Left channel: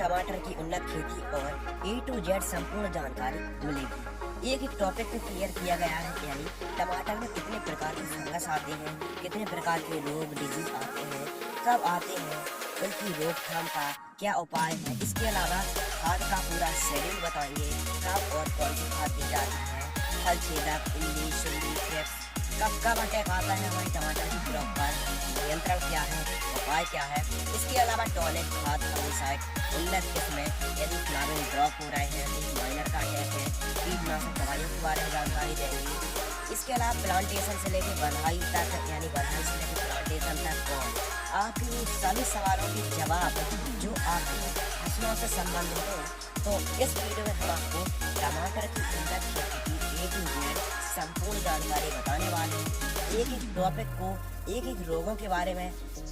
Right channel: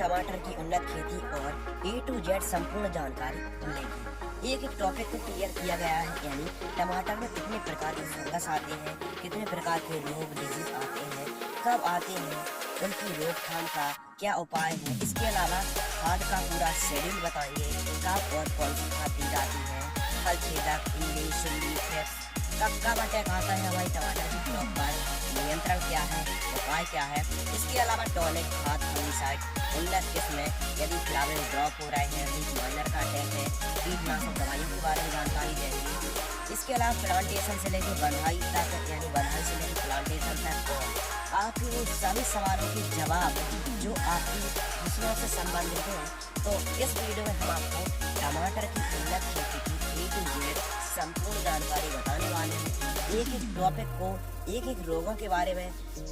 टमाटर की उन्नत खेती और A to Z संपूर्ण जानकारी मिलेगी। एक टॉपिक को क्लियर किया गया है, यानी टमाटर में कितने प्रकार के फंगस आते हैं, कितने प्रकार के रोग डिजीज आते हैं, कब आते हैं, उनकी रोकथाम का क्या उपाय है। इसके अलावा खाद का पूरा शेड्यूल बताइए, कब और कौन सी खाद दी जाती है, फल छेदक, इल्ली, सुंडी, थ्रिप्स, कब अटैक आता है हमारी टमाटर की क्रॉप पर, नियंत्रण क्या है, उपाय क्या है। इसके अलावा टॉनिक, खाद, फंगिसाइड, उन्नत किस्में, यदि फ्लावर ड्रॉप हो रहे हैं, माइनर का अटैक है, कीटनाशक दवाइयों के बारे में जानकारी देंगे। इसके अलावा प्लांटेशन से लेकर बढ़ाई तक, यानी बढ़ाई से लेकर प्लांटेशन तक और आपके सभी सवालों के जवाब जो आपकी फसलों से संबंधित हो, तो इस वीडियो में हम आपको टमाटर की उन्नत खेती की A to Z संपूर्ण जानकारी बताने वाले हैं। एक एक टॉपिक को, एक एक रोगों के बारे में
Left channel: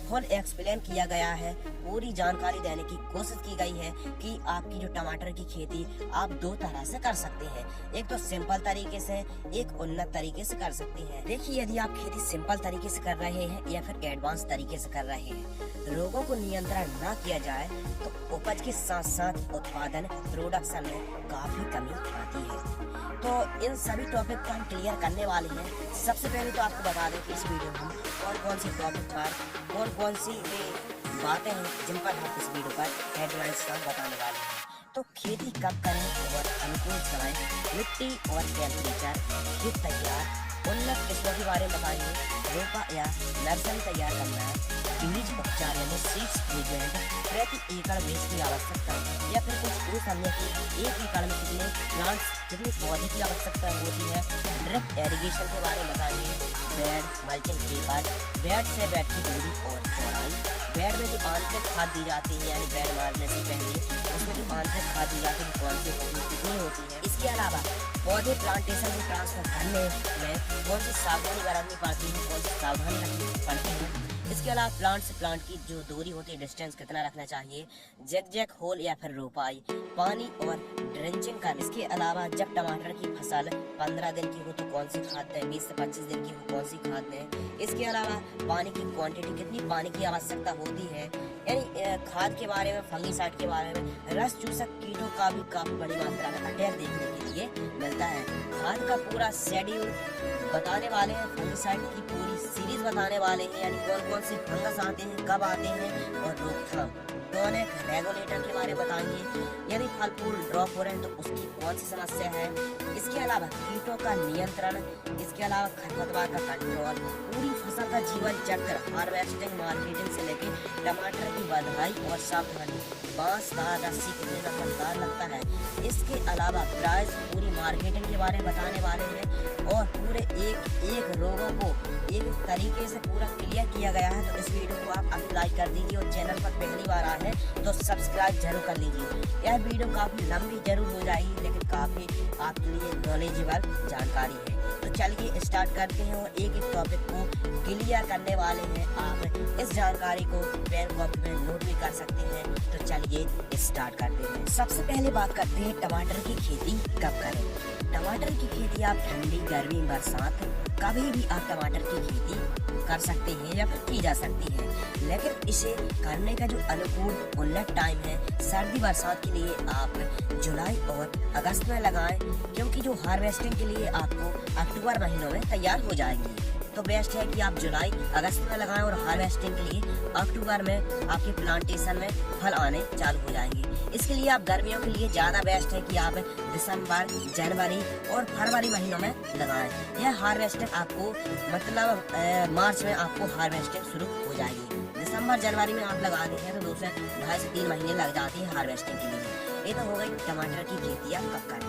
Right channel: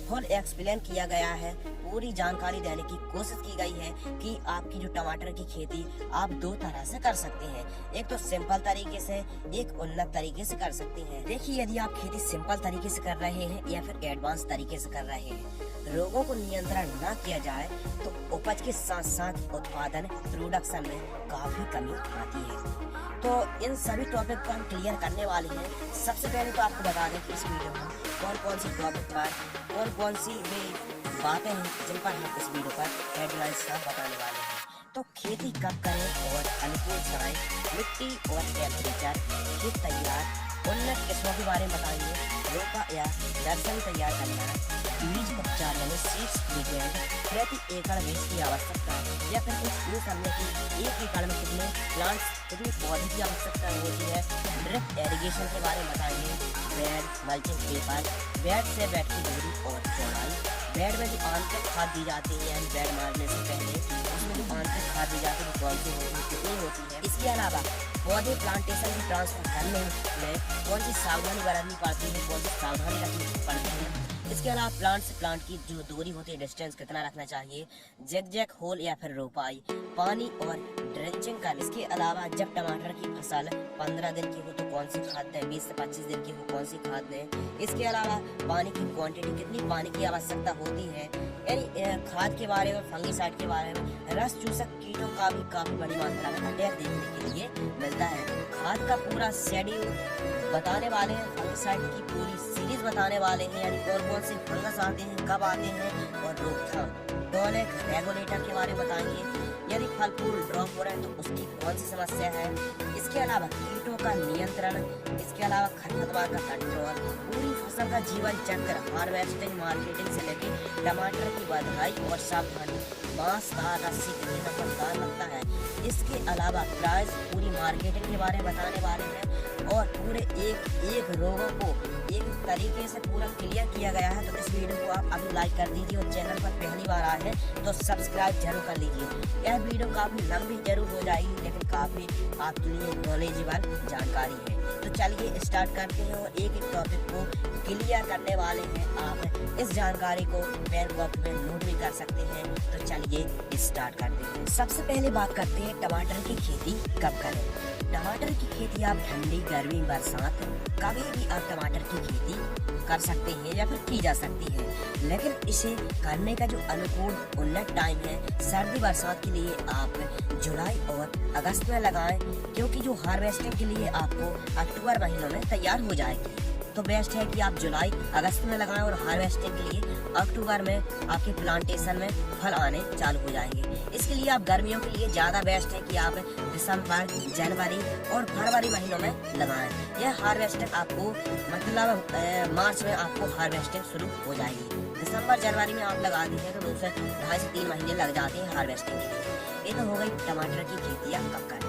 फुल एक्सप्लेन किया गया है। पूरी जानकारी देने की कोशिश की गई है कि आपकी जो टमाटर की खेती आप दो तरह से कर सकते हैं, एक तो सिंपल तरीके से, एक उन्नत तरीके से कर सकते हैं। देखिए, यदि आप खेती सिंपल तरीके से कर रहे हैं या फिर एडवांस तरीके से कर रहे हैं, रोगों को नियंत्रण न किया जाए तो उपज के साथ साथ उत्पादन प्रोडक्शन में काफी कमी आती है। तो इन सभी टॉपिक को हम क्लियर करने वाले हैं। सबसे पहले तो आपको बता दें कि इस वीडियो में कौन कौन सी टॉपिक पर कौन सी बातें हैं जिन पर हम इस वीडियो पर हेडलाइंस का बताने वाले हैं। तो खेती कब करें और अनुकूल समय, मिट्टी और टेम्परेचर, खेत तैयार, उन्नत किस्मों के बारे में बताएंगे, रोपा या नर्सरी तैयार करना, बीज उपचार यानी सीड्स ट्रीटमेंट, प्रति एकड़ बीज की आवश्यकता या फिर कुछ पूछ हमने की एक एकड़ में कितने प्लांट्स, कितने पौधे की आवश्यकता होती है, ड्रिप इरिगेशन के बारे में बताएंगे, बेड, मल्चिंग पेपर, बेड से बेड की दूरी और चौड़ाई, बेड में जो आंतरिक खाद दी जाती है, यानी बेड मारने से पहले उसमें जो आंतरिक खाद दी जाती है कौन सी होती है, कितनी होती है। इसके अलावा पौधे प्लांटेशन से ट्रांसफर करने में कौन सी सावधानी बरतनी पड़ती है, कौन सी सावधानी रखनी पड़ती है। इसके अलावा प्लांट से प्लांट की जो दूरी होती है, डिस्टेंस कितना रखना चाहिए, जैक होल या फिर रोपाई, पानी और ड्रेंचिंग का। इसके अलावा जब टमाटर की फसल 15 दिन की हो तो कौन सी खाद दें, 20 से 25 दिन की हो कौन सी खाद दें। इसके अलावा पानी की क्वांटिटी, कितनी पानी की आवश्यकता होती है, यानी खाद के बारे में, फंगिसाइड के बारे में, रस चूसक कीटों का भी काफी बड़ी मात्रा में अटैक देखने के लिए मिलता है। खाद का पूरा शेड्यूल बताने वाले हैं, फंगिसाइड की पूरी सीरीज बताने वाले हैं, यानी कौन कौन से फंगस आते हैं, कब आते हैं और रोकथाम। टॉनिक, रेगुलेटर के बारे में बताएंगे, यदि फल फूल ड्रॉप हो रहे हैं तो उसकी कौन सी समस्या है। इसके अलावा कीटों का नियंत्रण, इसके अलावा खरपतवार का कंट्रोल, पूरी फसल का जीवन चक्र, हार्वेस्टिंग, मार्केटिंग से लेकर टमाटर की बढ़ाई और सावधानी, बांस का रस्सी कितने का फलदार लगता है। इसके अलावा प्राइस, पूरी मार्केटिंग के बारे में बताने वाले हैं और पूरे एक रोगों को एक तरीके से पूरा क्लियर किया गया है। तो इस वीडियो को आप अभी लाइक कर दीजिए और चैनल पर पहली बार आए हैं तो सब्सक्राइब जरूर कर लीजिए। यह वीडियो काफी लंबी जरूर हो जाएगी, लेकिन काफी आपके लिए नॉलेजेबल जानकारी है। तो चलिए स्टार्ट करते हैं और एक एक टॉपिक को क्लियर करने वाले हैं। आप इस जानकारी को पेन कॉपी में नोट भी कर सकते हैं। तो चलिए स्टार्ट करते हैं। सबसे पहले बात करते हैं टमाटर की खेती कब करें। टमाटर की खेती आप ठंडी, गर्मी, बरसात कभी भी आप टमाटर की खेती कर सकते हैं या फिर की जा सकती है, लेकिन इसे करने का जो अनुकूल उन्नत टाइम है, सर्दी बरसात के लिए आप जुलाई और अगस्त में लगाएं, क्योंकि जो हार्वेस्टिंग के लिए आपको अक्टूबर महीनों में तैयार हो जाएगी। तो बेस्ट है कि आप जुलाई अगस्त में लगाएं और हार्वेस्टिंग के लिए अक्टूबर में आपके प्लांटेशन में फल आने चालू हो जाएंगे। इसके लिए आप गर्मियों के लिए ज़्यादा बेस्ट है कि आप दिसंबर, जनवरी और फरवरी महीनों में लगाएं। यह हार्वेस्टिंग आपको मतलब मार्च में आपको हार्वेस्टिंग शुरू हो जाएगी। दिसंबर, जनवरी में आप लगा देते हैं तो 2 से 2.5 से 3 महीने लग जाते हैं हार्वेस्टिंग के लिए। ये तो हो गई टमाटर की खेती आप कब करें।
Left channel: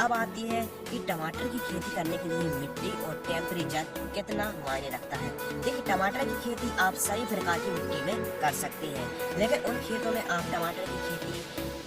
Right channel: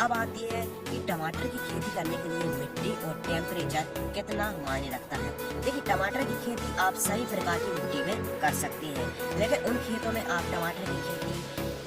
अब आती है कि टमाटर की खेती करने के लिए मिट्टी और टेम्परेचर कितना मायने रखता है। देखिए, टमाटर की खेती आप सही प्रकार की मिट्टी में कर सकते हैं, लेकिन उन खेतों में आप टमाटर की खेती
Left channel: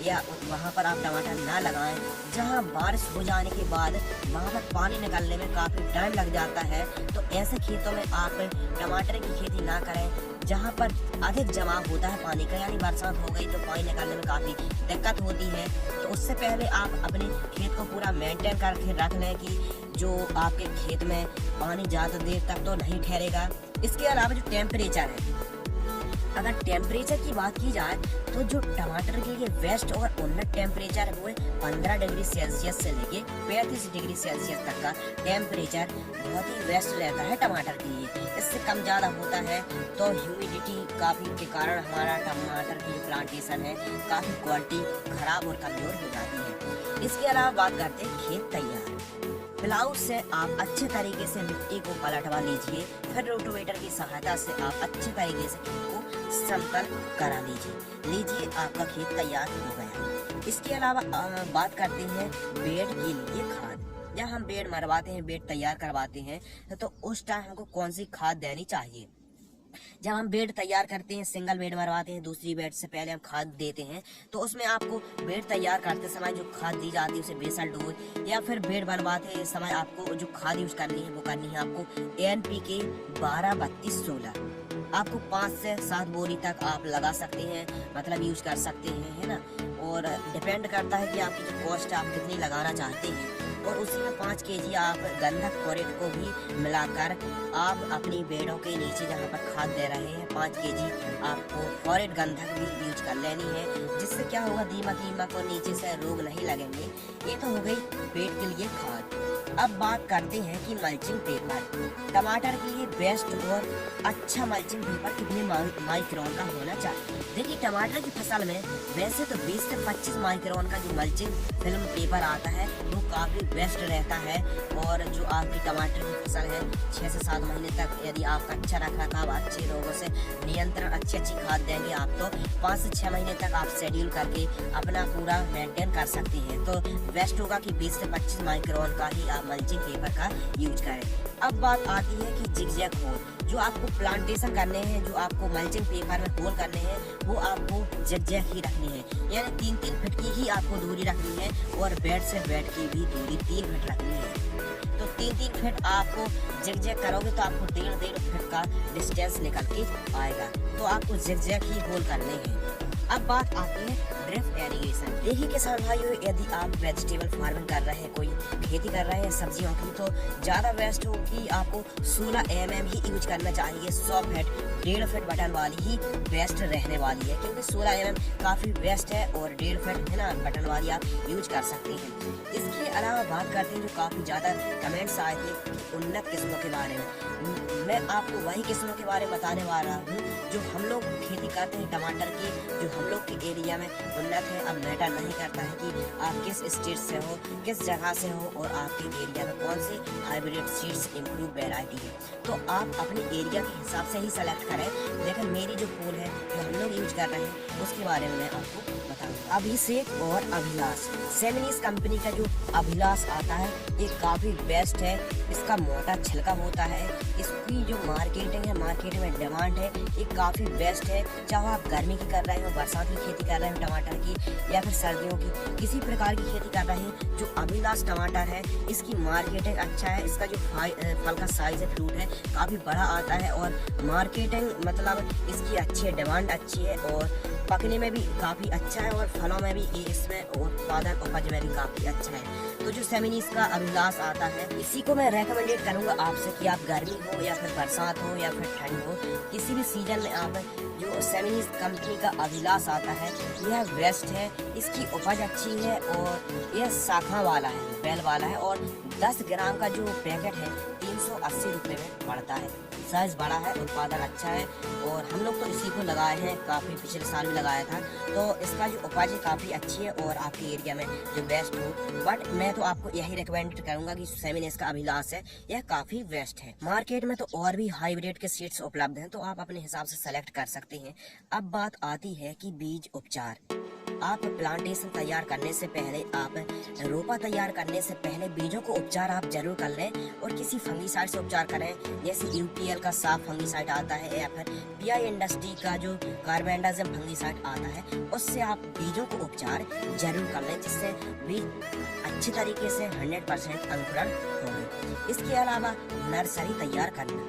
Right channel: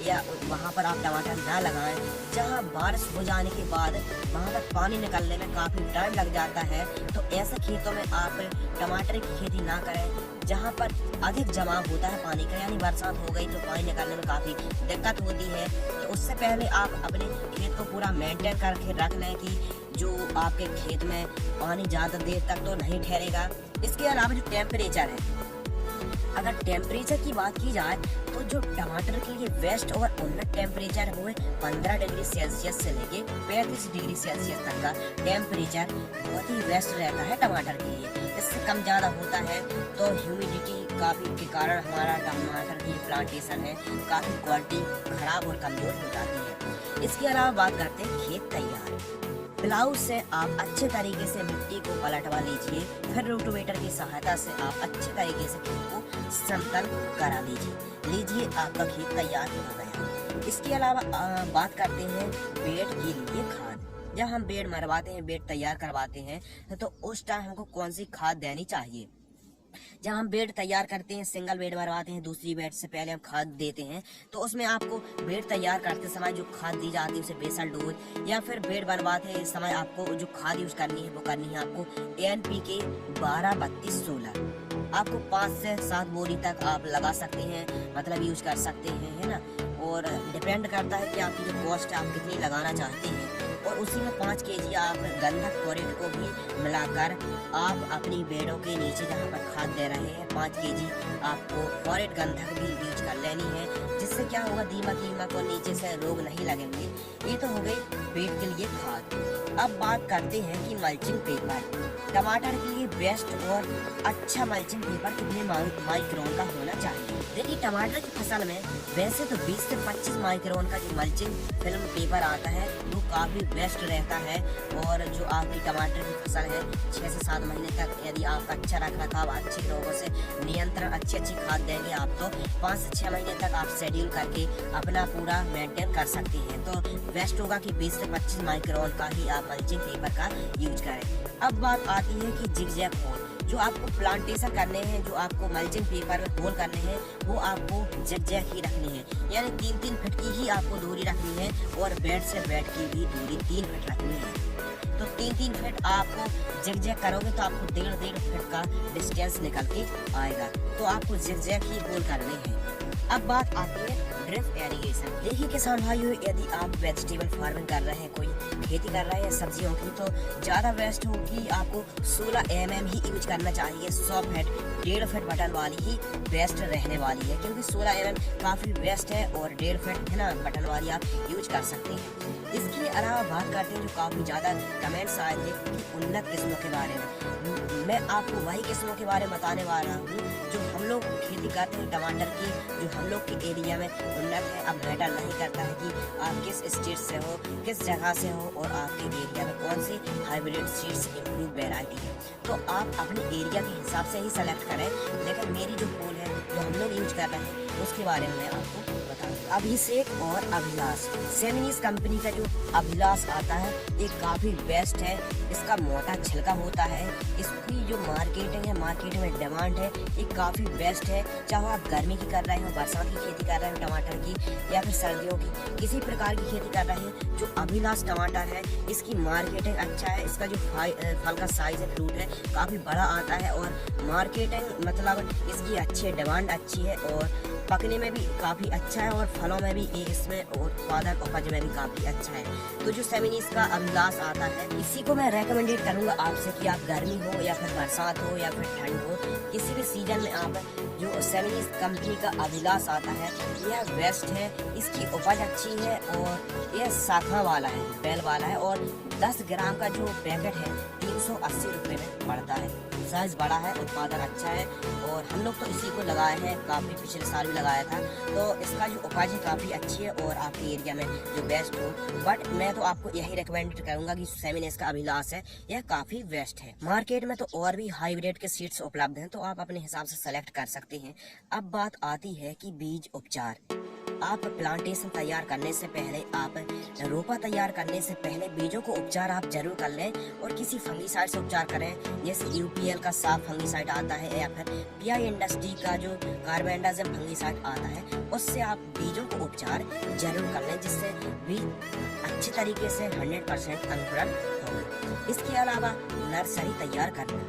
या वहाँ पर आप टमाटर ना लगाएं जहाँ बारिश हो जाने के बाद वहाँ पर पानी निकलने में काफ़ी टाइम लग जाता है। तो ऐसे खेतों में आप टमाटर की खेती ना करें जहाँ पर अधिक जमाव होता है पानी का, यानी बरसात हो गई तो पानी निकलने में काफ़ी दिक्कत होती है। तो उससे पहले आप अपने खेत को पूरा मेंटेन करके रख लें कि जो आपके खेत में पानी ज़्यादा देर तक तो नहीं ठहरेगा। इसके अलावा जो टेम्परेचर है, अगर टेम्परेचर की बात की जाए तो जो टमाटर के लिए बेस्ट और उन्नत टेम्परेचर है वो है 15 डिग्री सेल्सियस से लेके 35 डिग्री सेल्सियस तक का टेम्परेचर बहुत ही बेस्ट रहता है टमाटर के लिए। इससे कम ज़्यादा होता है तो ह्यूमिडिटी काफ़ी के कारण हमारा टमाटर की प्लांटेशन है काफ़ी क्वालिटी खराब और कमज़ोर हो जाती है। इसके अलावा बात करते हैं खेत तैयार। प्लाऊ से आप अच्छे तरीके से मिट्टी को पलटवा लीजिए, फिर रोटोवेटर की सहायता से आप अच्छे तरीके से खेत को समतल करा लीजिए आपका खेत तैयार हो गया। इसके अलावा बात करते हैं बेड के लिए खाद। जब हम बेड मरवाते हैं, बेड तैयार करवाते हैं तो उस टाइम हमको कौन सी खाद देनी चाहिए। जब हम बेड तैयार करते हैं, सिंगल बेड मरवाते हैं, दूसरी बेड से पहले हम खाद देते हैं तो उसमें आपको बेड तैयार करते समय जो खाद दी जाती है उसे बेसल डोज या फिर बेड बनवाते समय आपको जो खाद यूज करनी है वो करनी है आपको NPK 12-32-16 आपको 5 से 7 बोरी तक आप लगा सकते हैं, मतलब यूज कर सकते हैं, है ना। और डिपेंड करता है कि आपकी जो कॉस्ट आप कितनी लगाना चाहते हैं। और उसी में 5 kg आप गंधक क्लोरेट को भी मिलाकर आप अपनी बेड़ों के नीचे जहाँ पर खाद दे रहे हैं 5 kg आपको क्लोरेट गंधक भी यूज कर लेनी है, जिससे क्या होगा दीमक और नीचे से रोग नहीं लगेंगे। ये तो हो गई पेट के लिए खाद। अब बात करते हैं कि मल्चिंग पेपर। टमाटर के लिए बेस्ट और अच्छा मल्चिंग पेपर कितने माइक्रोन का होना चाहिए। देखिए टमाटर की फसल में वैसे तो 20 से 25 माइक्रोन का जो मल्चिंग फिल्म पेपर आता है वो काफी बेस्ट रहता है। और जो आपकी टमाटर की फसल है 6 से 7 महीने तक यदि आपका अच्छा रखरखाव, अच्छे रोगों से नियंत्रण, अच्छी खाद देंगे आप तो 5 से 6 महीने तक आप शेड्यूल करके अपना पूरा मेंटेन कर सकते हैं। तो बेस्ट होगा कि 20 से 25 माइक्रोन का ही आप मल्चिंग पेपर का यूज करें। अब बात आती है कि जिगजैग होल। जो आपको प्लांटेशन करने हैं, जो आपको मल्चिंग पेपर में होल करने हैं वो आपको जिगजैग ही रखनी है, यानी 3-3 फीट की ही आपको दूरी रखनी है और बेड से बेड की भी दूरी 3 फीट रखनी है। तो 3-3 फीट आपको जिगजैग करोगे तो आपको 1.5 फीट का डिस्टेंस निकल के आएगा। तो आपको जिगजैग ही होल करने हैं। अब बात आती है ड्रिप इरिगेशन। देखिए किसान भाइयों, यदि आप वेजिटेबल फार्मिंग कर रहे हैं, कोई खेती कर रहे हैं सब्जियों की, तो ज्यादा बेस्ट हो कि आपको 16 mm ही यूज करना चाहिए। 100 फीट 1.5 फीट बटन वाली ही बेस्ट रहने वाली है, क्योंकि 16 mm काफी बेस्ट है और 1.5 फीट है ना बटन वाली आप यूज कर सकते हैं। इसके अलावा बात करते हैं जो काफी ज्यादा कमेंट्स आए थे उन्नत किस्मों के बारे में। मैं आपको वही किस्मों के बारे में बताने वाला हूँ जो हम लोग खेती करते हैं टमाटर की, जो हम लोग के एरिया में उन्नत है। अब मैटर नहीं करता है कि आप किस स्टेट से हो, किस जगह से हो और आपके एरिया में कौन सी हाइब्रिड सीड्स इम्प्रूव वैरायटी है, तो आप अपने एरिया के हिसाब से ही सेलेक्ट करें। लेकिन मेरी जो फूल है जो हम लोग यूज कर रहे हैं उसके बारे में मैं आपको बताऊंगा। अभिषेक और अभिलाष, सेमिनिस कंपनी का जो अभिलाष आता है ये काफी बेस्ट है। इसका मोटा छिलका होता है, इसकी जो मार्केटिंग है, मार्केट में डिमांड है, ये काफी बेस्ट है। चाहे आप गर्मी की कर रहे हो, बरसात की खेती कर रहे हो टमाटर की, या फिर सर्दियों की किसी प्रकार की खेती कर रहे हैं, जो अभिलाष टमाटर है इसकी मार्केटिंग अच्छा है। इसका जो फल का साइज है, फ्रूट है, काफी बड़ा आता है और मार्केटिंग मतलब इसकी अच्छी है, डिमांड अच्छी है और पकने में भी काफी अच्छा है और फलों में भी इसमें उत्पादन उपज में भी काफी अच्छा है। तो जो सेमिनिस का अभिलाष आता है इसी को मैं रेकमेंडेड करूंगा आपसे कि आप गर्मी हो या फिर बरसात हो या फिर ठंड हो, किसी भी सीजन में आप जो सेमिनिस कंपनी का अभिलाष आता है यह बेस्ट है। इसकी उपज अच्छी है और यह शाखा वाला है, बेल वाला है और 10 ग्राम का जो पैकेट है 380 रुपये में पड़ता है। साइज बड़ा है, उत्पादन अच्छा है और हम लोग तो इसी को लगाए हैं, काफ़ी पिछले साल भी लगाया था। तो इसका जो उपज है काफ़ी अच्छी है और आपके एरिया में जो बेस्ट हो, बट मैं तो आपको यही रिकमेंड करूंगा कि सेमिनिस का अभिलाष है यह काफ़ी बेस्ट है। मार्केट में तो और भी हाइब्रिड के सीड्स उपलब्ध हैं, तो आप अपने हिसाब से सेलेक्ट कर सकते हैं। अब बात आती है कि बीज उपचार। आप प्लांटेशन तैयार करने से पहले, आप रोपा तैयार करने से पहले बीजों को उपचार आप जरूर कर लें और किसी फंगीसाइड से उपचार करें। जैसे UPL का साफ फंगीसाइड आता है या फिर PI इंडस्ट्री का जो कार्बेंडाजिम फंगीसाइड आता है, उससे आप बीजों को उपचार जरूर कर लें, जिससे बीज अच्छी तरीके से 100% अंकुरण होंगे। इसके अलावा नर्सरी तैयार करना।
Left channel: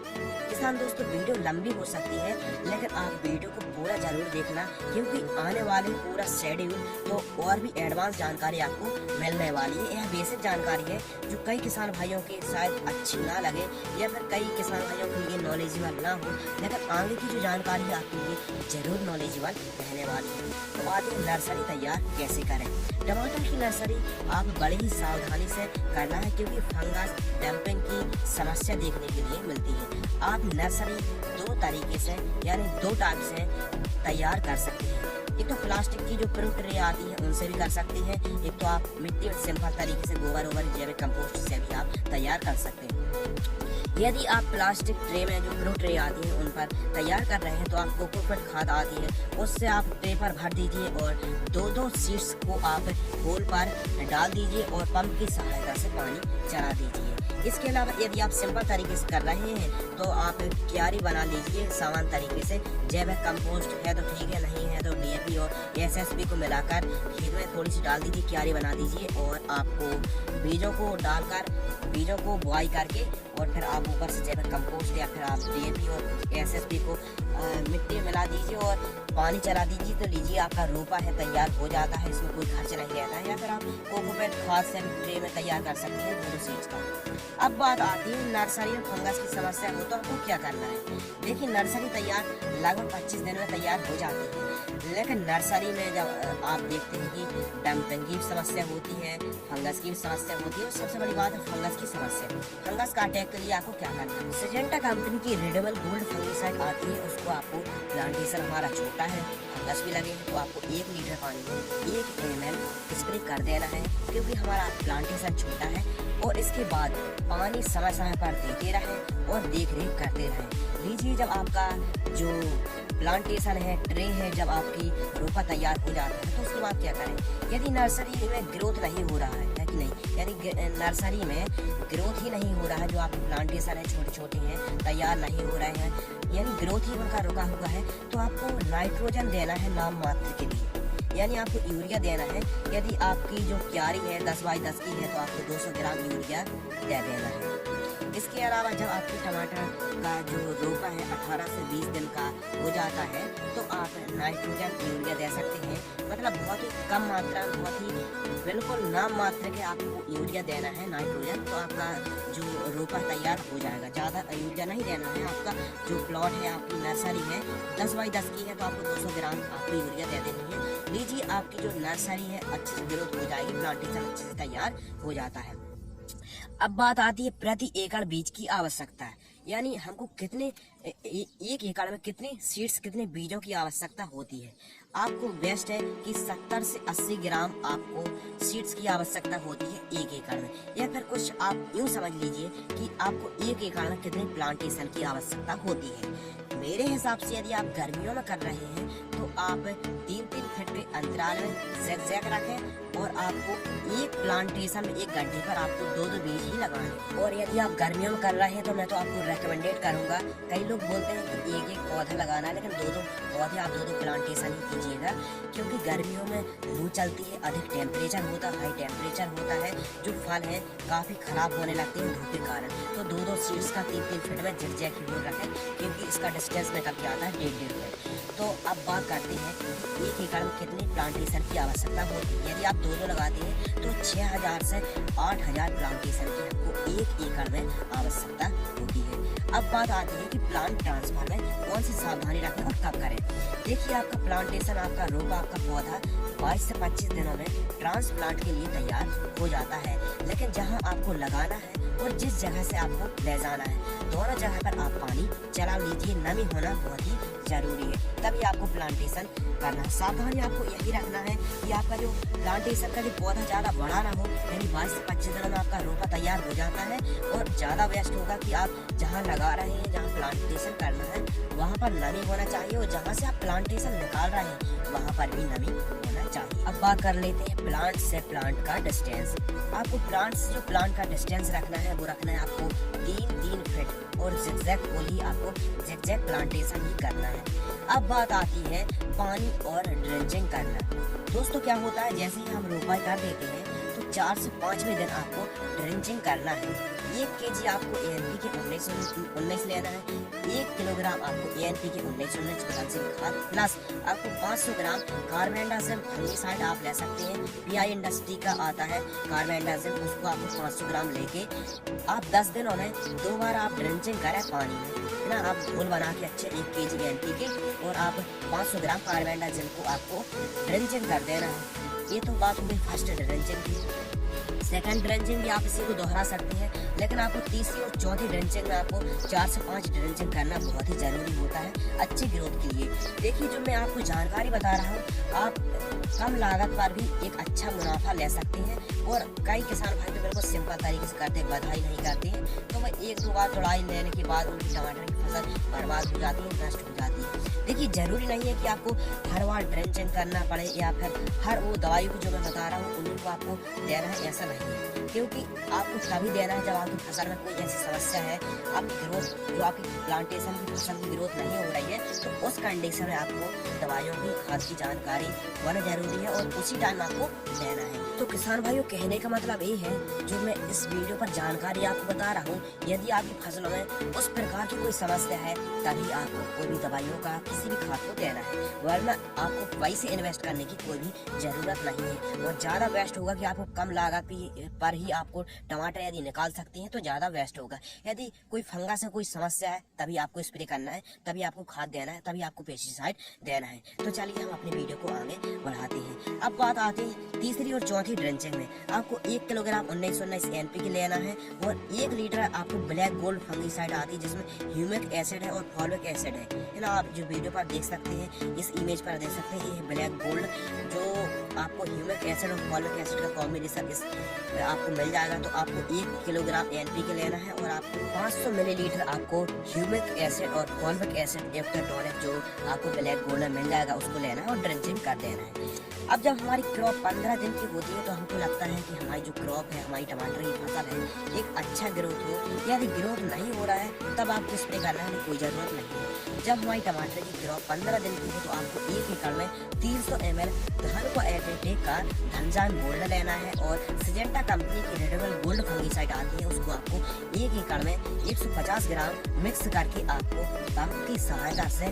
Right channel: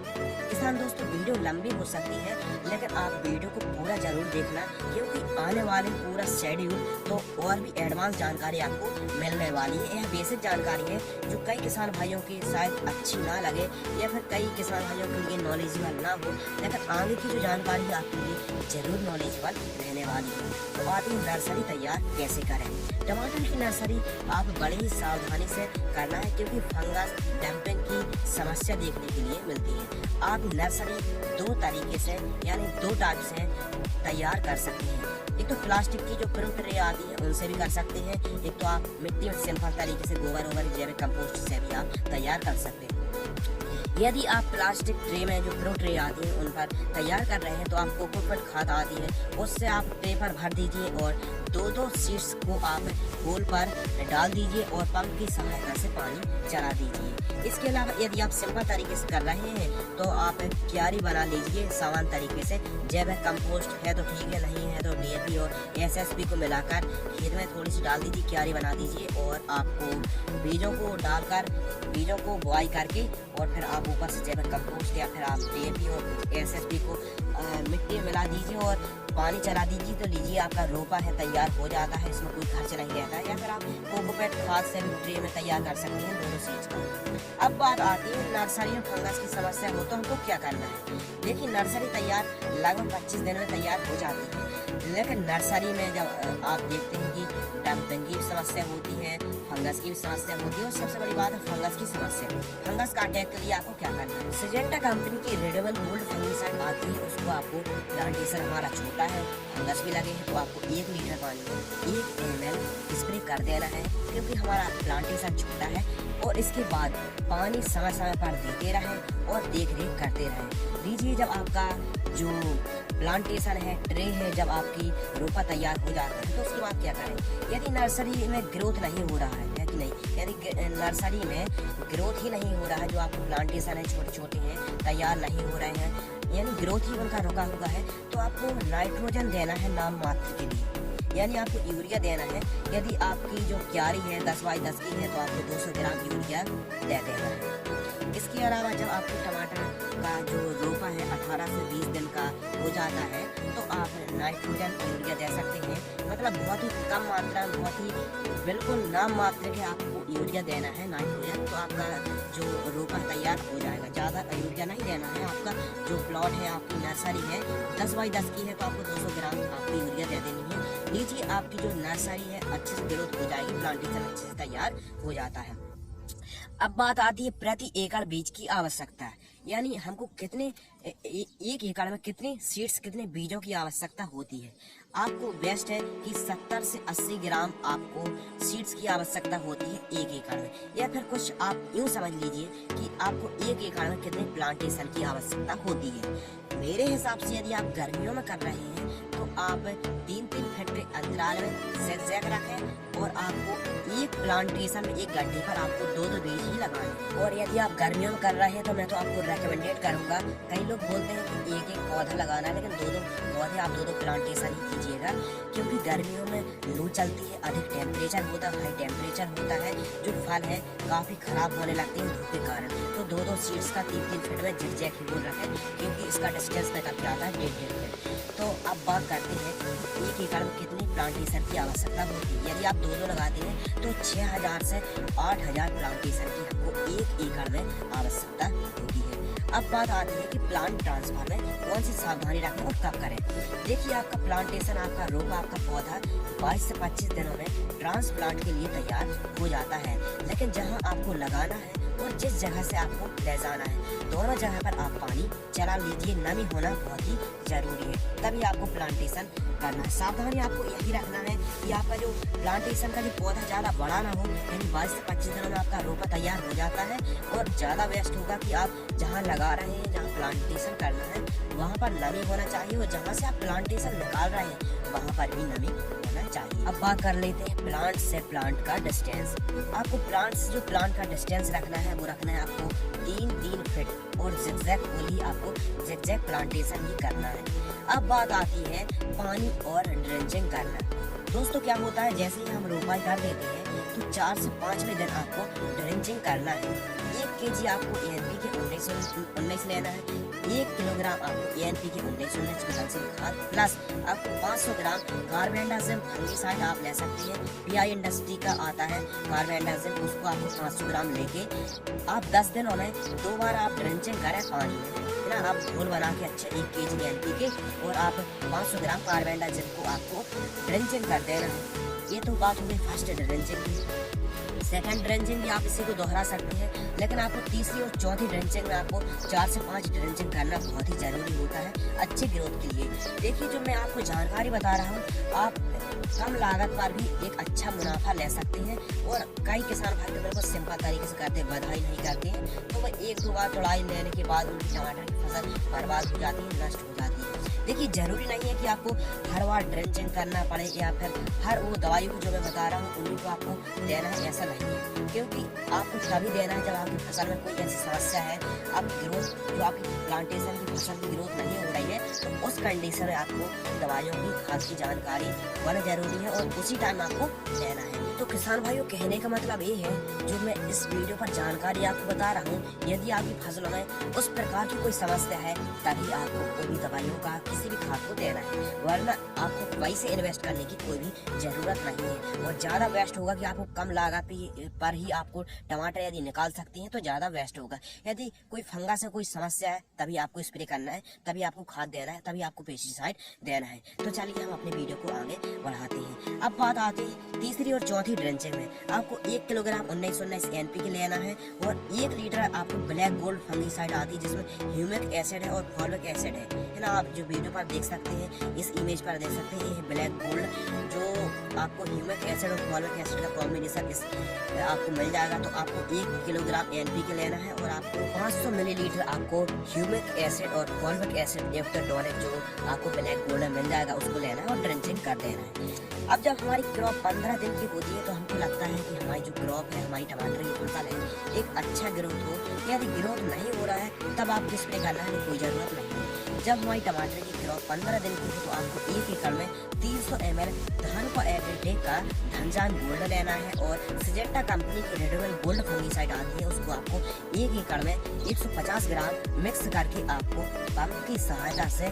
किसान दोस्तों, वीडियो लंबी हो सकती है लेकिन आप वीडियो को पूरा जरूर देखना, क्योंकि आने वाले पूरा शेड्यूल तो और भी एडवांस जानकारी आपको मिलने वाली है। यह बेसिक जानकारी है जो कई किसान भाइयों की शायद अच्छी ना लगे या फिर कई किसान भाइयों के लिए नॉलेजेबल ना हो, लेकिन आगे की जो जानकारी है आपके लिए जरूर नॉलेजेबल रहने वाली है। तो आगे नर्सरी तैयार कैसे करें। टमाटर की नर्सरी आप बड़े ही सावधानी से करना है, क्योंकि फंगस डंपिंग की समस्या देखने के लिए मिलती है। आप नर्सरी दो तरीके से यानी दो टाइप से तैयार कर सकते हैं। एक तो प्लास्टिक की जो प्रिंट ट्रे आती है उनसे भी कर सकते हैं, एक तो आप मिट्टी और सिंपल तरीके से गोबर जैविक कंपोस्ट से भी आप तैयार कर सकते हैं। यदि आप प्लास्टिक ट्रे में जो प्रिंट ट्रे आती है उन पर तैयार कर रहे हैं तो आप कोकोपीट खाद आती है उससे आप पेपर भर दीजिए और दो सीड्स को आप होल पर डाल दीजिए और पंप की सहायता से पानी चला दीजिए। इसके अलावा यदि आप सिंपल तरीके से कर रहे हैं तो आप क्यारी बना लीजिए सामान तरीके से। जैविक कंपोस्ट है तो ठीक है, नहीं है तो DAP और SSP को मिलाकर खेत में थोड़ी सी डाल दीजिए, क्यारी बना दीजिए और आपको बीजों को डालकर बीजों को बुआई करके और फिर आप ऊपर से जैविक कंपोस्ट या फिर आप DAP और SSP को मिट्टी मिला दीजिए और पानी चला दीजिए। तो लीजिए आपका रोपा है तैयार हो जाता है, इसमें कोई खर्च नहीं रहता है। या फिर आप कोकोपीट खाद से ट्रे में तैयार कर सकते हैं दोनों सीड्स का। अब बात आती है नर्सरी में फंगस की समस्या हो तो हमको क्या करना है। देखिए नर्सरी तैयार लगभग 25 दिन में तैयार हो जाती है, लेकिन नर्सरी में जब आप देखते हैं कि डंपिंग की समस्या होती है, फंगस की समस्या होती है और सबसे बड़ी बात है फंगस की समस्या। फंगस का अटैक के लिए आपको क्या करना है। सिजेंटा कंपनी की रेडेबल गोल्ड फंगिसाइड आती है, उसको आपको प्लांटेशन हमारा छोटा है, फंगस भी लगे हैं तो आपको 1 लीटर पानी में 1 ml स्प्रे कर देना है, क्योंकि हमारा प्लांटेशन छोटा है। और इसके बाद पानी समय समय पर देते रहें और देख रेख करते रहें। लीजिए जब आपका जो प्लांटेशन है ट्रे है जब आपकी रोपा तैयार हो जाता है तो उसके बाद क्या करें। यदि नर्सरी में ग्रोथ नहीं हो रहा है कि नहीं, यदि नर्सरी में ग्रोथ ही नहीं हो रहा है, जो आपके प्लांटेशन है छोटे छोटे हैं तैयार नहीं हो रहे हैं, यानी ग्रोथ ही उनका रुका हुआ है, तो आपको नाइट्रोजन देना है नाम मात्र के लिए, यानी आपको यूरिया देना है। यदि आपकी जो क्यारी है 10x10 की है तो आपको 200 ग्राम यूरिया दे देना है। इसके अलावा जब आपके टमाटर का जो रोपा है 18 से 20 दिन का हो जाता है तो आप नाइट्रोजन यूरिया दे सकते हैं। मतलब बहुत ही कम मात्रा, बहुत ही बिल्कुल नाम मात्र के आपको यूरिया देना है नाइट्रोजन, तो आपका जो रोपा तैयार हो जाएगा। ज़्यादा यूरिया नहीं देना है। आपका जो प्लॉट है, आपकी नर्सरी है 10x10 की है तो आपको 200 ग्राम आपको यूरिया दे देनी है। लीजिए आपकी जो नर्सरी है अच्छे से ग्रोथ हो जाएगी, प्लांटेशन अच्छे से तैयार हो जाता है। अब बात आती है प्रति एकड़ बीज की आवश्यकता, यानी हमको कितने एक एकड़ में कितने सीड्स कितने बीजों की आवश्यकता होती है। आपको बेस्ट है कि 70 से 80 ग्राम आपको सीड्स की आवश्यकता होती है 1 एकड़ में, या फिर कुछ आप यूँ समझ लीजिए कि आपको 1 एकड़ में कितने प्लांटेशन की आवश्यकता होती है। मेरे हिसाब से यदि आप गर्मियों में कर रहे हैं तो आप 3-3 फीट के अंतराल में ज़ैग रखें और आपको एक प्लांटेशन में 1 घंटे पर आपको 2-2 बीज ही लगाएं। और यदि आप गर्मियों में कर रहे हैं तो मैं तो आपको रेकमेंडेड करूंगा, कई लोग बोलते हैं कि 1-1 पौधा लगाना है, लेकिन 2-2 पौधे आप 2-2 प्लांटेशन ही कीजिएगा, क्योंकि गर्मियों में लू चलती है, अधिक टेम्परेचर होता है, हाई टेम्परेचर होता है, जो फल है काफ़ी खराब होने लगते हैं धूप के कारण। तो 2-2 सीड्स का 3-3 फीट में ज़िगज़ैग ही बोल रखें, क्योंकि इसका डिस्टेंस निकल के आता है 1.5 फीट। तो अब बात करते हैं 1 एकड़ में कितनी प्लांटेशन की आवश्यकता होती है। यदि आप 2-2 लगाते हैं तो 6000 से 8000 प्लांटेशन की आपको 1 एकड़ में आवश्यकता होती है। अब बात आती है कि प्लांट ट्रांसफर में कौन सी सावधानी रखें और कब करें। देखिए आपका प्लांटेशन, आपका रोपा, आपका पौधा 22 से 25 दिनों में ट्रांसप्लांट के लिए तैयार हो जाता है, लेकिन जहाँ आपको लगाना है और जिस जगह से आपको ले जाना है दोनों जगह पर आप पानी चला लीजिए। नमी होना बहुत ही जरूरी है, तभी आपको प्लांटेशन करना है। सावधानी आपको यही रखना है कि आपका जो प्लांटेशन का जो पौधा ज़्यादा बड़ा ना हो, यानी 22 से 25 दिनों में आपका रोपा तैयार हो जाता है। और ज़्यादा वेस्ट होगा कि आप जहाँ लगा रहे हैं, जहाँ प्लांटेशन करना है वहाँ पर नमी होना चाहिए, और जहाँ से आप प्लांटेशन निकाल रहे हैं वहाँ पर भी नमी होना चाहिए। अब बात कर लेते हैं प्लांट से प्लांट का डिस्टेंस। आपको प्लांट से जो प्लांट का डिस्टेंस रखना है वो रखना है आपको 3-3 फीट, और ज़िगज़ैग होली आपको ज़िगज़ैग प्लांटेशन ही करना है। अब बात आती है पानी और ड्रेंचिंग करना। दोस्तों क्या होता है, जैसे ही हम रोपाई कर देते हैं तो 4 से 5वें दिन आपको ड्रेंचिंग करना है। 1 kg आपको ANPK 19 लेना है, 1 किलोग्राम आपको ANPK 19 कैल्शियम खाद प्लस आपको 500 ग्राम कार्बेंडाजिम फंगिसाइड आप ले सकते हैं। PI इंडस्ट्री का आता है कार्बेंडाजिम, उसको आपको 500 ग्राम लेके आप 10 दिनों में 2 बार आप ड्रेंचिंग करें पानी में, है ना। आप घोल बना के अच्छे 1 kg NPK और आप 500 ग्राम कार्बेंडाजिम को आपको ड्रेंचिंग कर देना है। ये तो बात हुई फर्स्ट ड्रेंचिंग की। सेकंड ड्रेंचिंग भी आप इसी को दोहरा सकते हैं, लेकिन आपको तीसरी और चौथी ड्रेंचिंग में आपको 4 से 5 ड्रेंचिंग करना बहुत ही जरूरी होता है अच्छी ग्रोथ के लिए। देखिए, जो मैं आपको जानकारी बता रहा हूँ, आप कम लागत पर भी एक अच्छा मुनाफा ले सकते हैं। और कई किसान भाई बहनों को सिंपल तरीके से करते, बधाई नहीं करते हैं, तो वह 1-2 बार तुड़ाई लेने के बाद उनकी टमाटर की फसल बर्बाद हो जाती है, नष्ट हो जाती है। देखिए, जरूरी नहीं है कि आपको हर बार ड्रेंचिंग करना पड़े या फिर हर वो दवाई को जो मैं बता रहा हूँ उन्हीं को आपको देना है, ऐसा नहीं है। क्योंकि आपको तभी देना है जब आपकी फसल में कोई ऐसी समस्या है, आपकी ग्रोथ, जो आपकी प्लांटेशन की फसल की ग्रोथ नहीं हो रही है, तो उस कंडीशन में आपको दवाइयों की खाद की जानकारी होना जरूरी है और उसी टाइम आपको देना है। तो किसान भाइयों, कहने का मतलब ये है, जो मैं इस वीडियो पर जानकारी आपको बता रहा हूँ, यदि आपकी फसलों में उस प्रकार की कोई समस्या है तभी आपको कोई भी दवाइयों का किसी भी खाद को देना है, वरना आपको पैसे इन्वेस्ट करने की कोई भी जरूरत नहीं है। और ज्यादा वेस्ट होगा कि आपको कम लागत पर ही आपको टमाटर यदि निकाल सकते हैं तो ज्यादा वेस्ट होगा। यदि कोई फंगस से कोई समस्या है तभी आपको स्प्रे करना है, तभी आपको खाद देना है, तभी आपको पेस्टिसाइड देना है। तो चलिए हम अपने वीडियो को आगे बढ़ाते हैं। अब बात आती है तीसरी और चौथी ड्रेंचिंग में। आपको 1 किलोग्राम 1919 NPK लेना है और 1 लीटर आपको ब्लैक गोल्ड फंगिसाइड आती है, जिसमें ह्यूमिक एसिड है और फॉलिक एसिड है ना। आप जो वीडियो पर देख सकते हैं, इस इमेज पर देख सकते हैं, ये ब्लैक गोल्ड जो आपको ह्यूमिक एसिड और फॉलिक एसिड का कॉम्बिनेशन इस आपको मिल जाएगा। तो आपको 1 किलोग्राम NPK लेना है और आपको 500 मिलीलीटर आपको ह्यूमिक एसिड और फॉलिक एसिड एफ्टरटोनिक जो आपको ब्लैक गोल्ड में मिल जाएगा उसको लेना है और ड्रेंचिंग कर देना है। अब जब हमारी क्रॉप 15 दिन की होती है तो हमको लगता है कि हमारी जो क्रॉप है, हमारी टमाटर की फसल है, एक अच्छा ग्रोथ हो। यदि ग्रोथ नहीं हो रहा है तब आपको स्प्रे करने की कोई जरूरत नहीं है। जब हमारी टमाटर की क्रॉप 15 दिन की हो तो आपको 1 एकड़ में 300 ml धान को एग्रीटेक का धनजान गोल्ड लेना है और सिजेंटा कंपनी की रेडोगन गोल्ड फंगिसाइड आती है, उसको आपको 1 एकड़ में 150 ग्राम मिक्स करके आपको पंप की सहायता से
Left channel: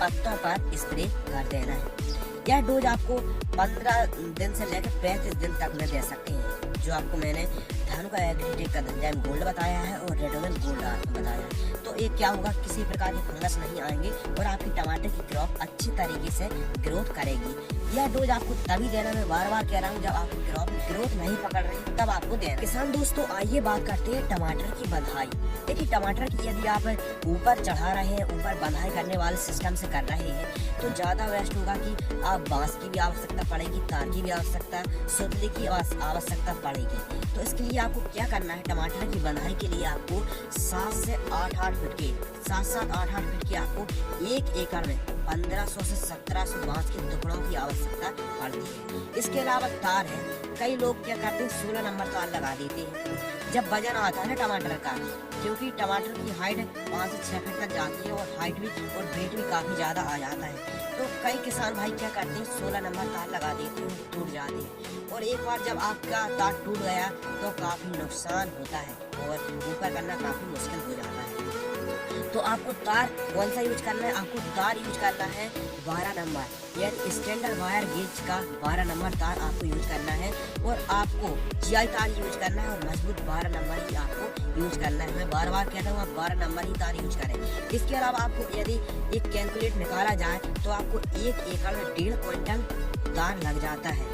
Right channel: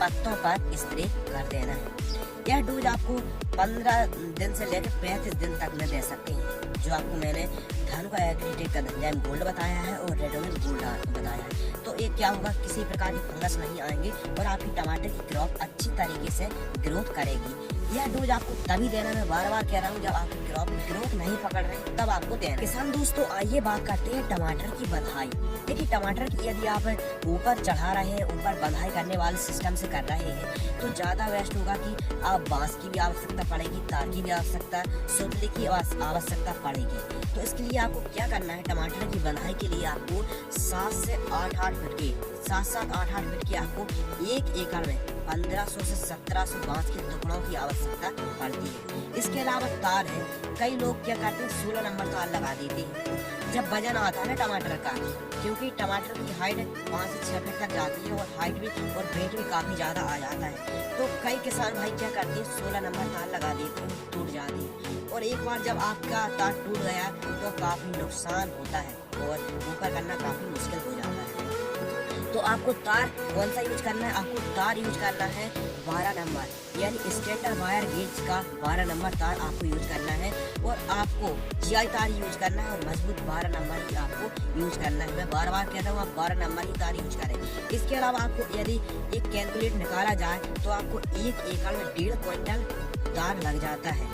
पत्तों पर स्प्रे कर देना है। यह डोज आपको 15 दिन से लेकर 35 दिन तक में दे सकते हैं। जो आपको मैंने धान को एग्रीटेक का धनजान गोल्ड बताया है और रेडोगन गोल्ड आपको बताया है, तो ये क्या होगा, किसी प्रकार की फंगस नहीं आएंगे और आपकी टमाटर की क्रॉप अच्छी तरीके से ग्रोथ करेगी। यह डोज आपको तभी देना, मैं बार बार कह रहा हूँ, जब आपकी क्रॉप ग्रोथ नहीं पकड़ रही तब आपको देना। किसान दोस्तों, आइए बात करते हैं टमाटर की बंधाई। देखिए, टमाटर की यदि आप ऊपर चढ़ा रहे हैं, ऊपर बंधाई करने वाले सिस्टम से कर रहे हैं तो ज्यादा वेस्ट होगा कि आप बांस की भी आवश्यकता पड़ेगी, तार की भी आवश्यकता, सुतली की आवश्यकता पड़ेगी। तो इसके लिए आपको क्या करना है, टमाटर की बंधाई के लिए आपको 7 से 8 फीट के 7-8 फीट के आपको 1 एकड़ में 1500 से 1700 बांस के टुकड़ों की आवश्यकता पड़ती है। इसके अलावा तार है, कई लोग क्या करते हैं 16 नंबर तार लगा देते हैं जब वजन आता है ना टमाटर का, क्योंकि टमाटर की हाइट 5 से 6 फीट तक जाती है और हाइट भी और वेट भी काफी ज्यादा आ जाता है। तो कई किसान भाई क्या करते हैं 16 नंबर तार लगा देते हैं, टूट जाती है और एक बार जब आपका तार टूट गया तो काफी नुकसान होता है और ऊपर करना काफी मुश्किल हो जाता है। तो आपको तार कौन सा यूज करना है, आपको तार यूज करना है 12 नंबर, यानी स्टैंडर्ड वायर गेज का 12 नंबर तार आपको यूज करना है और आपको GI तार यूज करना है और मजबूत 12 नंबर ही आपको यूज करना है। मैं बार बार कहता हूँ, आप 12 नंबर ही तार यूज करें। इसके अलावा आपको यदि एक कैलकुलेट निकाला जाए तो आपको 1 एकड़ में 1.5 क्विंटल तार लग जाता है।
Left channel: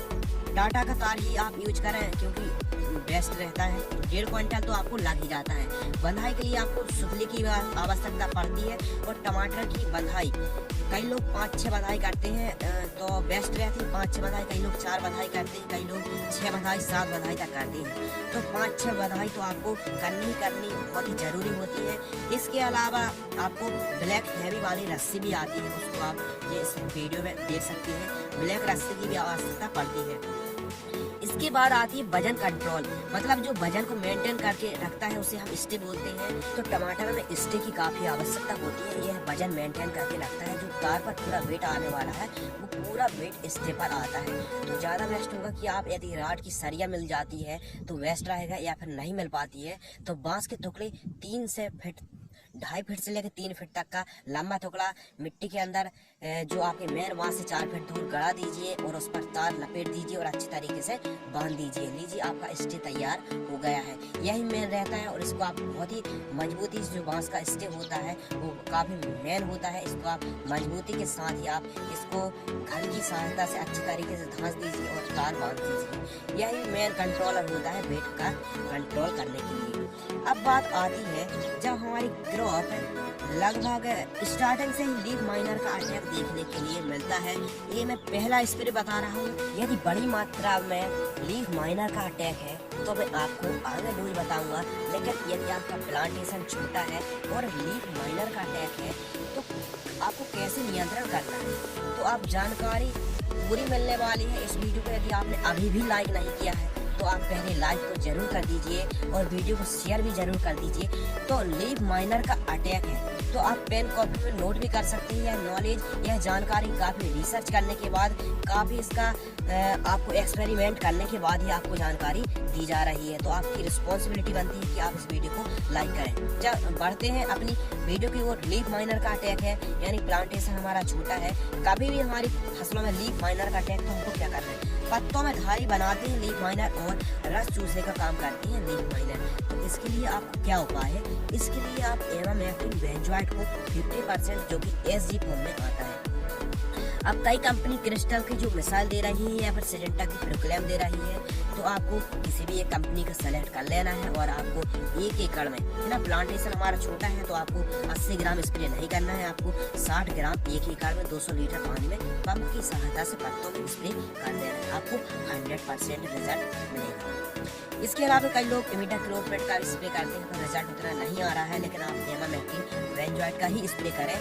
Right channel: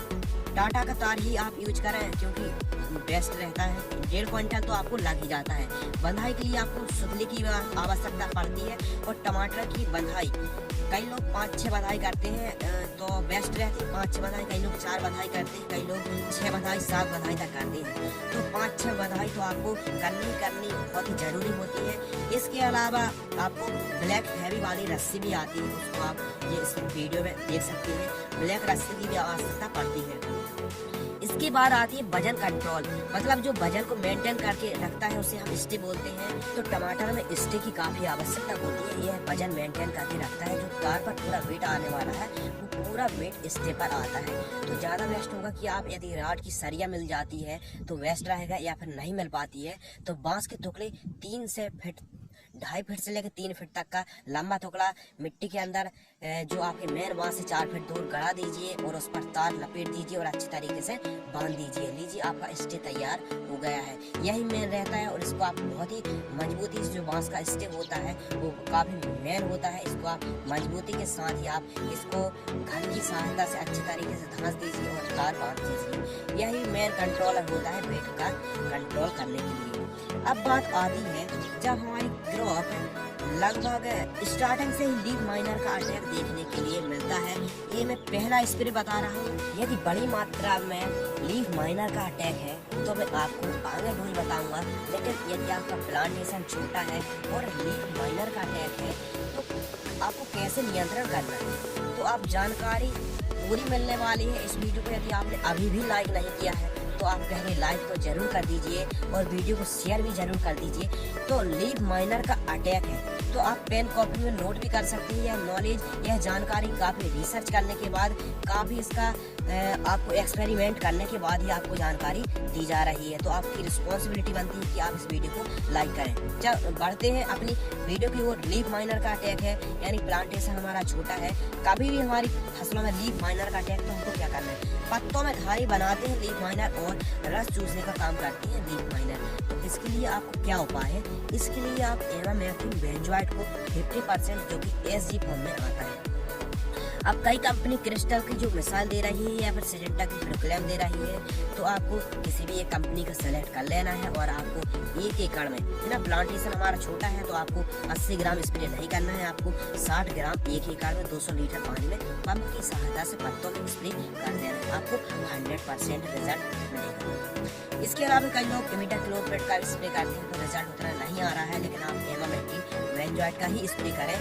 टाटा का तार ही आप यूज करें क्योंकि बेस्ट रहता है। 1.5 क्विंटल तो आपको लग ही जाता है। बंधाई के लिए आपको सुतली की आवश्यकता पड़ती है और टमाटर की बंधाई कई लोग 5-6 बंधाई करते हैं तो बेस्ट रहती है। 5-6 बंधाई, कई लोग 4 बंधाई करते हैं, कई लोग 6 बंधाई 7 बंधाई तक करते हैं। तो 5-6 बंधाई तो आपको करनी बहुत ही जरूरी होती है। इसके अलावा आपको ब्लैक हैवी वाली रस्सी भी आती है, उसको आप ये इस वीडियो में देख सकते हैं। ब्लैक रस्सी की भी आवश्यकता पड़ती है। इसके बाद आती है वजन कंट्रोल, मतलब जो वजन को मेंटेन करके रखता है उसे हम स्टे बोलते हैं। तो टमाटर में स्टे की काफी आवश्यकता होती है, यह वजन मेंटेन करके रखता है। जो तार पर पूरा वेट आने वाला है वो पूरा वेट स्टे पर आता है। तो ज्यादा वेस्ट होगा कि आप यदि राड की सरिया मिल जाती है तो वेस्ट रहेगा, या फिर नहीं मिल पाती है तो बांस के टुकड़े 3 से 2.5 फीट से लेकर 3 फीट तक का लंबा टुकड़ा मिट्टी के अंदर जो आपके मेन वहाँ से 4 फीट दूर गड़ा दीजिए और उस पर तार लपेट दीजिए और अच्छी तरीके से बांध दीजिए। लीजिए आपका स्टे तैयार हो गया है। यही मेन रहता है और इसको आप बहुत ही मजबूती से, जो बांस का स्टे होता है वो काफी मेन होता है, इसको आप मजबूती के साथ ही आप इसको घर की सहायता से अच्छी तरीके से धंस दीजिए और तार बांध दीजिए। यही मेन कंट्रोलर होता है वेट का कंट्रोल करने के लिए। अब बात आती है जब हमारी ग्रोथ लगभग स्टार्टिंग से ही लीफ माइनर का अटैक देखने के लिए मिलता है। ये मैं पहला स्प्रे बता रहा हूँ। यदि बड़ी मात्रा में लीफ माइनर का अटैक है तो मैं आपको आगे डोज बताऊंगा, लेकिन यदि आपका प्लांटेशन छोटा है और लीफ माइनर का अटैक है तो आपको कैसे नियंत्रण करना है, तो आप जानकारी पूरी मिलने वाली है इस वीडियो को। यदि आपने अभी भी लाइक नहीं किया है तो आप पहले लाइक तो जरूर कर दीजिए और वीडियो को शेयर भी जरूर कर दीजिए। तो लीफ माइनर का अटैक है तो आप पेन कॉपी में नोट भी कर सकते हैं। यह नॉलेज, यह जानकारी काफी रिसर्च करने के बाद, काफी इसका आपको एक्सपेरिमेंट करने के बाद ही आपको जानकारी दी जा रही है। तो आपकी रिस्पॉन्सिबिलिटी बनती है कि आप इस वीडियो को लाइक करें। जब बढ़ते हैं अपनी वीडियो की ओर, लीफ माइनर का अटैक है यानी प्लांटेशन हमारा छोटा है, कभी भी हमारी फसलों में लीफ माइनर का अटैक, तो हमको क्या करना है, पत्तों में घारी बनाते ही लीफ माइनर और रस चूसने का काम करती है लीफ माइनर। तो इसके लिए आपको क्या उपाय है, इसके लिए आप एमामेक्टिन बेंजोएट को 50% जो कि एसजी फॉर्म में आता है। अब कई कंपनी क्रिस्टल की जो मिसाल दे रही है या फिर सिडेंटा की प्रोक्लेम दे रही है, तो आपको किसी भी एक कंपनी का सेलेक्ट कर लेना है और आपको 1 एकड़ में, ना प्लांटेशन हमारा छोटा है तो आपको 80 ग्राम स्प्रे नहीं करना है, आपको 60 ग्राम 1 एकड़ में 200 लीटर पानी में पंप की सहायता से पत्तों में स्प्रे कर देना है। आपको 100% रिजल्ट मिलेगा। इसके अलावा कई लोग इमिडाक्लोप्रिड का स्प्रे करते हैं तो रिजल्ट उतना नहीं आ रहा है, लेकिन आप एमामेक्टिन बेंजोएट का ही स्प्रे करें।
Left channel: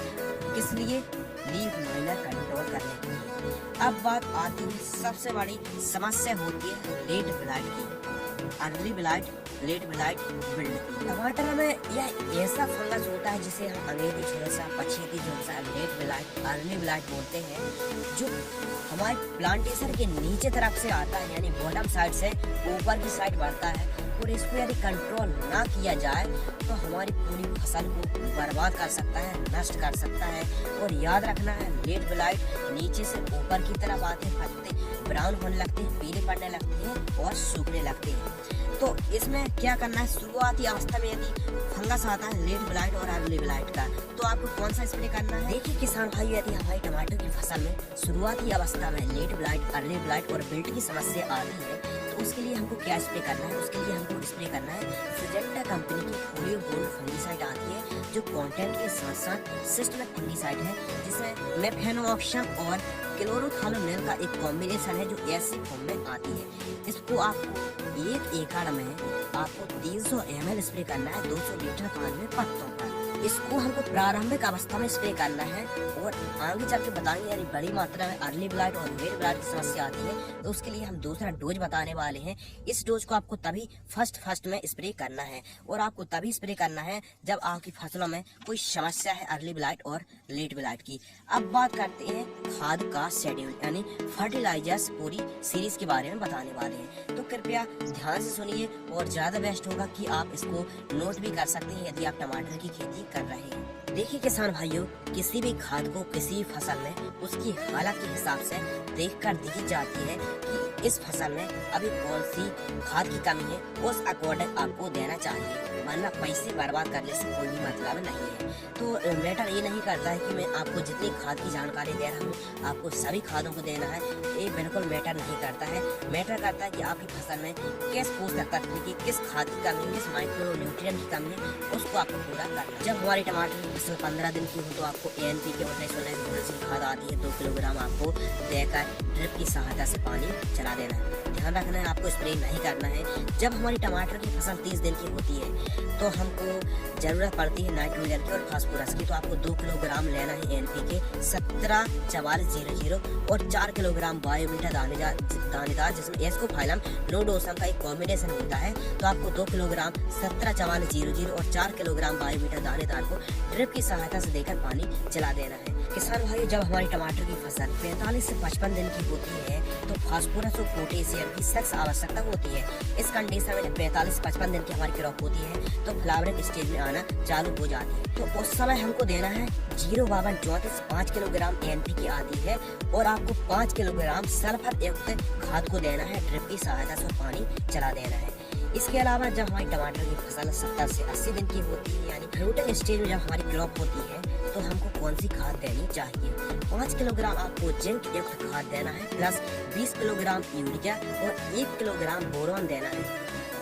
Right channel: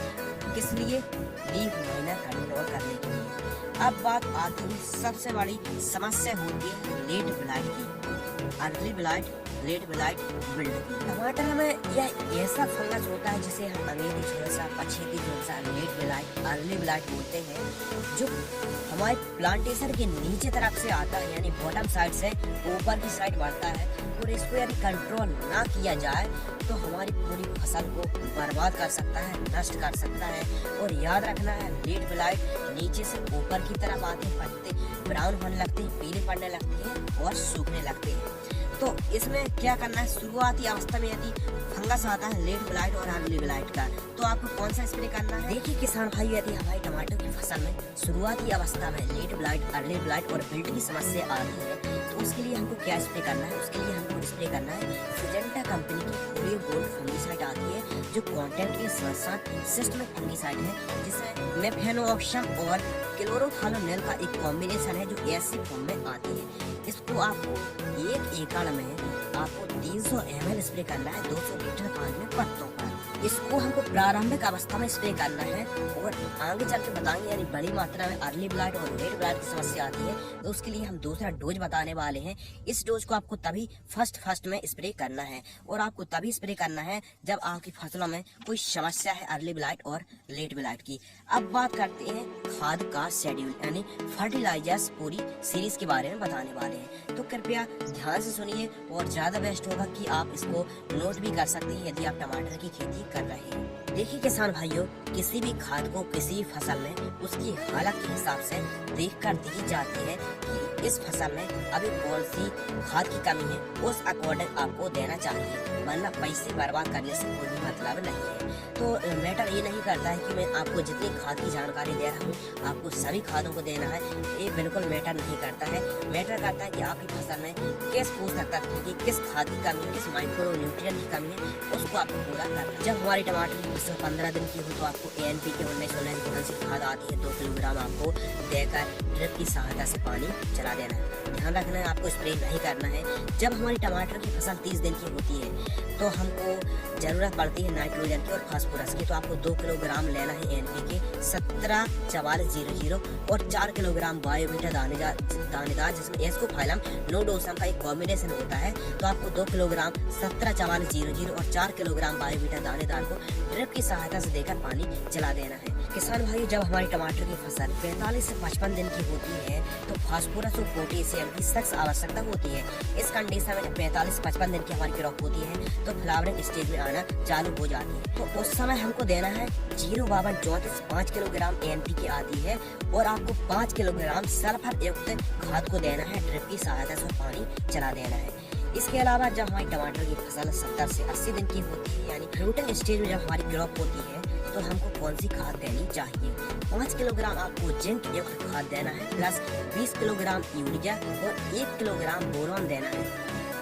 किस लिए? लीफ माइनर कंट्रोल करने के लिए। अब बात आती है सबसे बड़ी समस्या होती है लेट ब्लाइट की, early blight, late blight, wilt. टमाटर में यह ऐसा फंगस होता है जिसे हम अंग्रेजी झुलसा, पछेती झुलसा, लेट ब्लाइट, अर्ली ब्लाइट बोलते हैं, जो हमारे प्लांटेशन के नीचे तरफ से आता है यानी बॉटम साइड से ऊपर की साइड बढ़ता है। और इसको यदि कंट्रोल ना किया जाए तो हमारी पूरी फसल को बर्बाद कर सकता है, नष्ट कर सकता है। और याद रखना है, लेट ब्लाइट नीचे से ऊपर की तरफ आते पत्ते ब्राउन होने लगते हैं, पीले पड़ने लगते हैं और सूखने लगते हैं। तो इसमें क्या करना है, शुरुआती अवस्था में यदि फंगस आता है लेट ब्लाइट और अर्ली ब्लाइट का, तो आपको कौन सा स्प्रे करना है? देखिए किसान भाई, यदि हमारी टमाटर की फसल में शुरुआती अवस्था में लेट ब्लाइट, अर्ली ब्लाइट और विल्ट की समस्या आ रही है, तो उसके लिए हमको क्या स्प्रे करना है? उसके लिए हमको स्प्रे करना है सिडेंटा कंपनी की होली गोल्ड फंगिसाइड आती है, जो कॉन्टेंट के साथ सिस्टमिक फंगिसाइड है, जिसमें मेफेनोऑक्शन और क्लोरोथालोनिल का एक कॉम्बिनेशन है जो एसजी फॉर्म में आती है। इसको आपको 1 एकड़ में आपको 300 ml स्प्रे करना है 200 लीटर पानी में पत्तों पर। इसको हमको प्रारंभिक अवस्था में स्प्रे करना है और आगे जाके बताएंगे यदि बड़ी मात्रा में अर्ली ब्लाइट और लेट ब्लाइट की समस्या आती है तो उसके लिए हम दूसरा डोज बताने वाले हैं। इस डोज को आपको तभी फर्स्ट में स्प्रे करना है और आपको तभी स्प्रे करना है जब आपकी फसलों में कोई समस्या है अर्ली ब्लाइट और लेट ब्लाइट की। अब बात करते हैं खाद का शेड्यूल यानी फर्टिलाइजर्स पूरी सीरीज के बारे में बताने वाले हैं, तो कृपया ध्यान से सुनिए और ज्यादा बेस्ट होगा कि आप इसको नोट भी कर सकते हैं यदि आप टमाटर की खेती कर रहे हैं। देखिए किसान भाइयों, किसी भी खाद को किसी भी फसल में उसकी हालत के हिसाब से देखकर दी जाती है कि इस फसल में अभी कौन सी खाद की कमी है, उस अकॉर्डिंग आपको देना चाहिए, वरना पैसे बर्बाद करने से कोई भी मतलब नहीं है। तो मैटर ये नहीं करता है कि मैं आपको जितनी खाद की जानकारी दे रहा हूँ आपको सभी खादों को देना है, ये बिल्कुल मैटर नहीं करता है। मैटर करता है कि आपकी फसल में किस पोषक तत्व की, किस खाद की कमी है, किस माइक्रो न्यूट्रिएंट की कमी है, उसको आपको पूरा करना है। जब हमारी टमाटर 15 दिन की हो तो आपको ANPK 1919 खाद आती है 2 किलोग्राम आपको देकर ड्रिप की सहायता से पानी चला देना है। ध्यान रखना है आपको स्प्रे नहीं करना है। जब हमारी टमाटर की फसल 30 दिन की होती है तो हमको जरूरत पड़ती है नाइट्रोजन की और फास्फोरस की, तो आपको 2 किलोग्राम लेना है ANPK 174400 और 4 किलोग्राम बायोमीटा दानेदार जिसमें एस्कोफाइलम रोडोसम का एक कॉम्बिनेशन होता है, तो आपको 2 किलोग्राम 174400 और 4 किलोग्राम बायोमीटा दानेदार को ड्रिप की सहायता से देकर पानी चला देना है। किसान भाई, जब हमारी टमाटर की फसल 45 से 55 दिन की होती है तो फास्फोरस और पोटेशियम की सख्त आवश्यकता होती है। इस कंडीशन में जब 45 से 55 दिन की हमारी क्रॉप होती है तो फ्लावरिंग स्टेज में आना चालू हो जाती है। तो उस समय हमको देना है 05234 5 किलोग्राम NPK आती है और आपको 5 किलोग्राम सल्फर युक्त खाद को देना है। ड्रिप की सहायता से पानी चला देना है। इसके अलावा जब हमारी टमाटर की फसल 70 से 80 दिन की होती है, यानी फ्रूटिंग स्टेज में जब हमारी क्रॉप होती है, तो हमको कौन सी खाद देनी चाहिए? 5 किलोग्राम आपको जिंक युक्त खाद देना है प्लस 20 किलोग्राम यूरिया और 1 किलोग्राम बोरॉन देना है,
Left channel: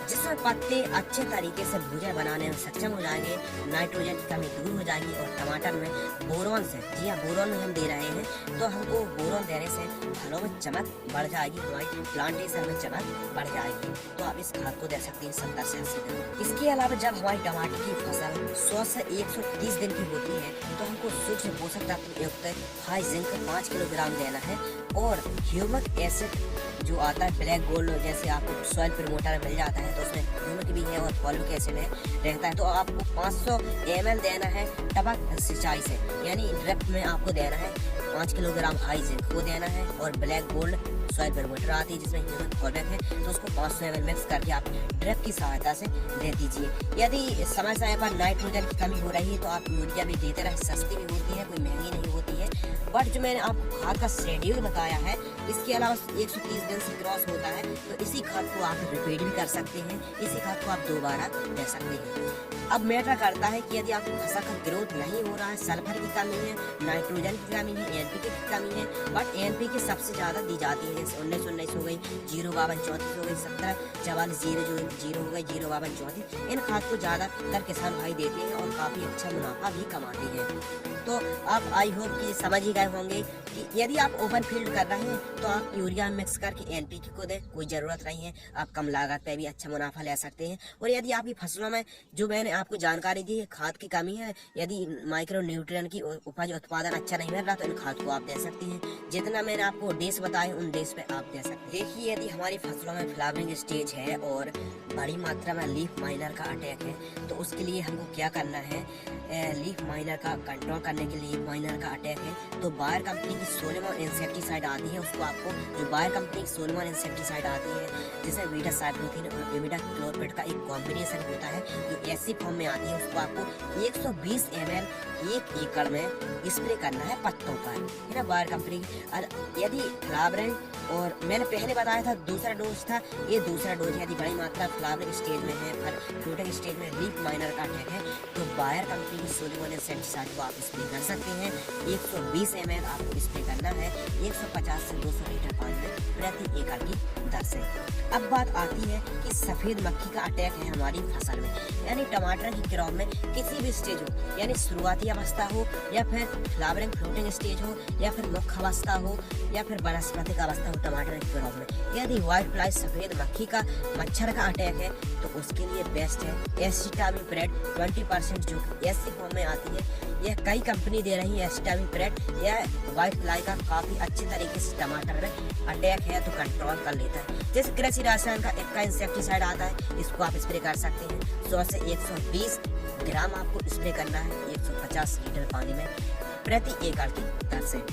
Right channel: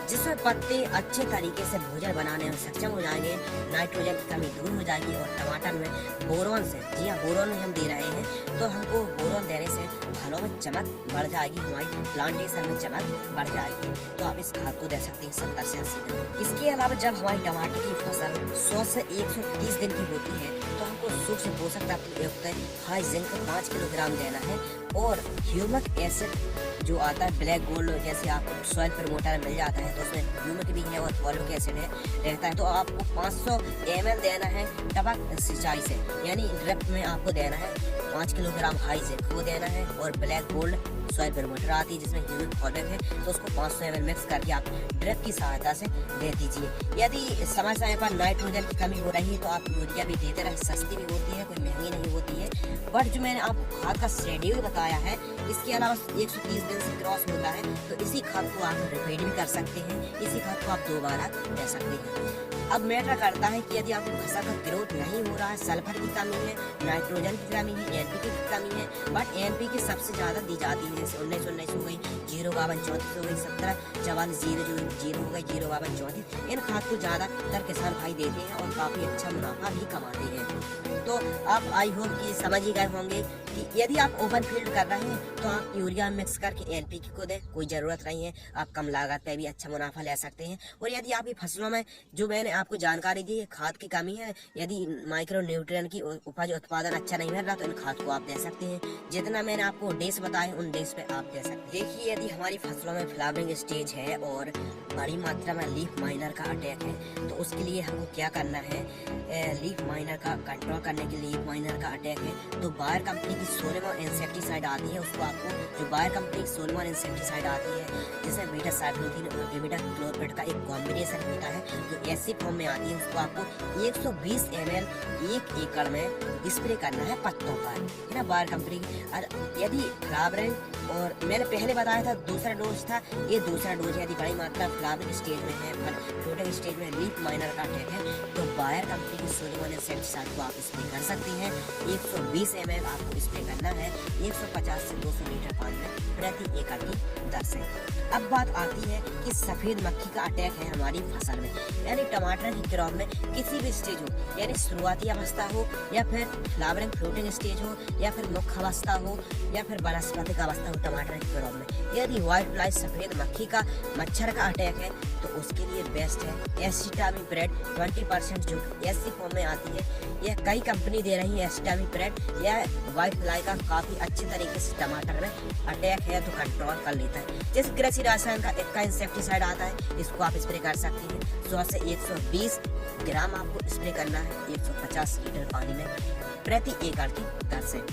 जिससे पत्ते अच्छे तरीके से भूजा बनाने में सक्षम हो जाएंगे, नाइट्रोजन की कमी दूर हो जाएगी और टमाटर में बोरॉन से, जी हाँ बोरॉन हम दे रहे हैं, तो हमको बोरॉन देने से फलों में चमक बढ़ जाएगी, हमारी प्लांटेशन में चमक बढ़ जाएगी। तो आप इस खाद को दे सकते हैं 70 से 80 दिन। इसके अलावा जब हमारी टमाटर की फसल 100 से 130 दिन की होती है तो हमको सूक्ष्म पोषक तत्व युक्त हाई जिंक 5 किलोग्राम देना है और ह्यूमिक एसिड जो आता है ब्लैक गोल्ड, जैसे आपको सॉइल प्रमोटर मिल जाता है तो उसमें ह्यूमिक भी है और फॉलिक एसिड है रहता है, तो आपको 500 ml देना है टपक सिंचाई से, यानी ड्रिप में आपको देना है 5 किलोग्राम हाई जिंक को देना है और ब्लैक गोल्ड सॉइल प्रमोटर आती है जिसमें ह्यूमिक फॉलिक है, तो उसको 500 ml मिक्स करके आप ड्रिप की सहायता से दे दीजिए। यदि समय समय पर नाइट्रोजन की कमी हो रही है तो आप यूरिया भी देते रहे, सस्ती भी होती है, कोई महंगी नहीं होती है। बट जो मैंने आपको खाद का शेड्यूल बताया है, इसके अलावा 130 दिन से क्रॉस होता है तो इसी खाद को आप रिपीट भी कर सकते हैं, इसी खाद को आप दोबारा दे सकते हैं। अब मैटर करता है कि यदि आपको फसल का ग्रोथ नहीं हो रहा है, सल्फर की कमी है, नाइट्रोजन की कमी है, NPK की कमी है, बट NPK सबसे ज्यादा दी जाती है, जैसे 19 हो गई, 052 34 हो गई, 17 44 0 हो गई, 052 34, इन खाद को ज्यादातर किसान भाई देते हैं और काफी अच्छा मुनाफा भी कमाते हैं। तो आप आई होप कि समझ ही गए होंगे कि यदि आप ओपन फील्ड कर रहे हैं तो आप यूरिया मिक्स करके NPK को दें, कोई जरूरत नहीं है, आप कम लागत पे भी अच्छा मुनाफा ले सकते हैं। और यदि आपकी फसलों में जो मैंने आपको जानकारी दी है खाद की कमी है, यदि माइक्रो न्यूट्रिएंट की उपज उत्पादन अच्छा नहीं मिल रहा तो इन खाद को आप दे सकते हैं। जितना मैंने आपको डेज बताए उन डेज पे आप दे सकते हैं। देखिए, यदि हमारी फसलों में फ्लावरिंग स्टेज है और बड़ी मात्रा में लीफ माइनर का अटैक है तो उसके लिए हमको क्या करना है? लीफ माइनर का कंट्रोल करने के लिए, माइनर का अटैक है तो बायर कंपनी की सोलेमॉन इंसेक्टिसाइड आती है, उसको आपको जो बायर कंपनी की सोलेमॉन इंसेक्टिसाइड आती है जिसमें बीटा साइक्लोथीन और बीटा क्लोरपेट का एक कॉम्बिनेशन होता है जो ऐसी फॉर्म में आती है, उसको आपको 120 ml 1 एकड़ में स्प्रे करना है पत्तों पर, है ना, बायर कंपनी। यदि फ्लावरिंग, और मैंने पहले बताया था दूसरा डोज था, ये दूसरा डोज, यदि बड़ी मात्रा फ्लावरिंग स्टेज में है, फ्रूटिंग स्टेज में लीफ माइनर का अटैक है तो बायर कंपनी की सोलेमॉन इंसेक्टिसाइड को आप स्प्रे कर सकते हैं। 120 ml आपको स्प्रे करना है 150 से 200 लीटर पानी में प्रति एकड़ की दर से। अब बात आती है कि सफेद मक्खी का अटैक है हमारी फसल में, यानी टमाटर की क्रॉप में किसी भी स्टेज हो, यानी शुरुआती अवस्था हो या फिर फ्लावरिंग फ्रूटिंग स्टेज हो या फिर मुख्य अवस्था हो या फिर वनस्पतिक अवस्था हो, टमाटर की क्रॉप में यदि व्हाइट फ्लाई सफेद मक्खी का मच्छर का अटैक है तो उसके लिए बेस्ट है एसिटामिप्रेड 20% जो ऐसी फॉर्म में आती है। यह कई कंपनी दे रही है एसिटामिप्रेड, यह व्हाइट फ्लाई का काफी अच्छे तरीके से टमाटर में अटैक है तो कंट्रोल कर लेता है। जैसे कृषि रसायन का एक इंसेक्टिसाइड आता है, इसको आप स्प्रे कर सकते हैं। 100 से 120 ग्राम आपको स्प्रे करना है 150 लीटर पानी में प्रति एकड़ की दर से।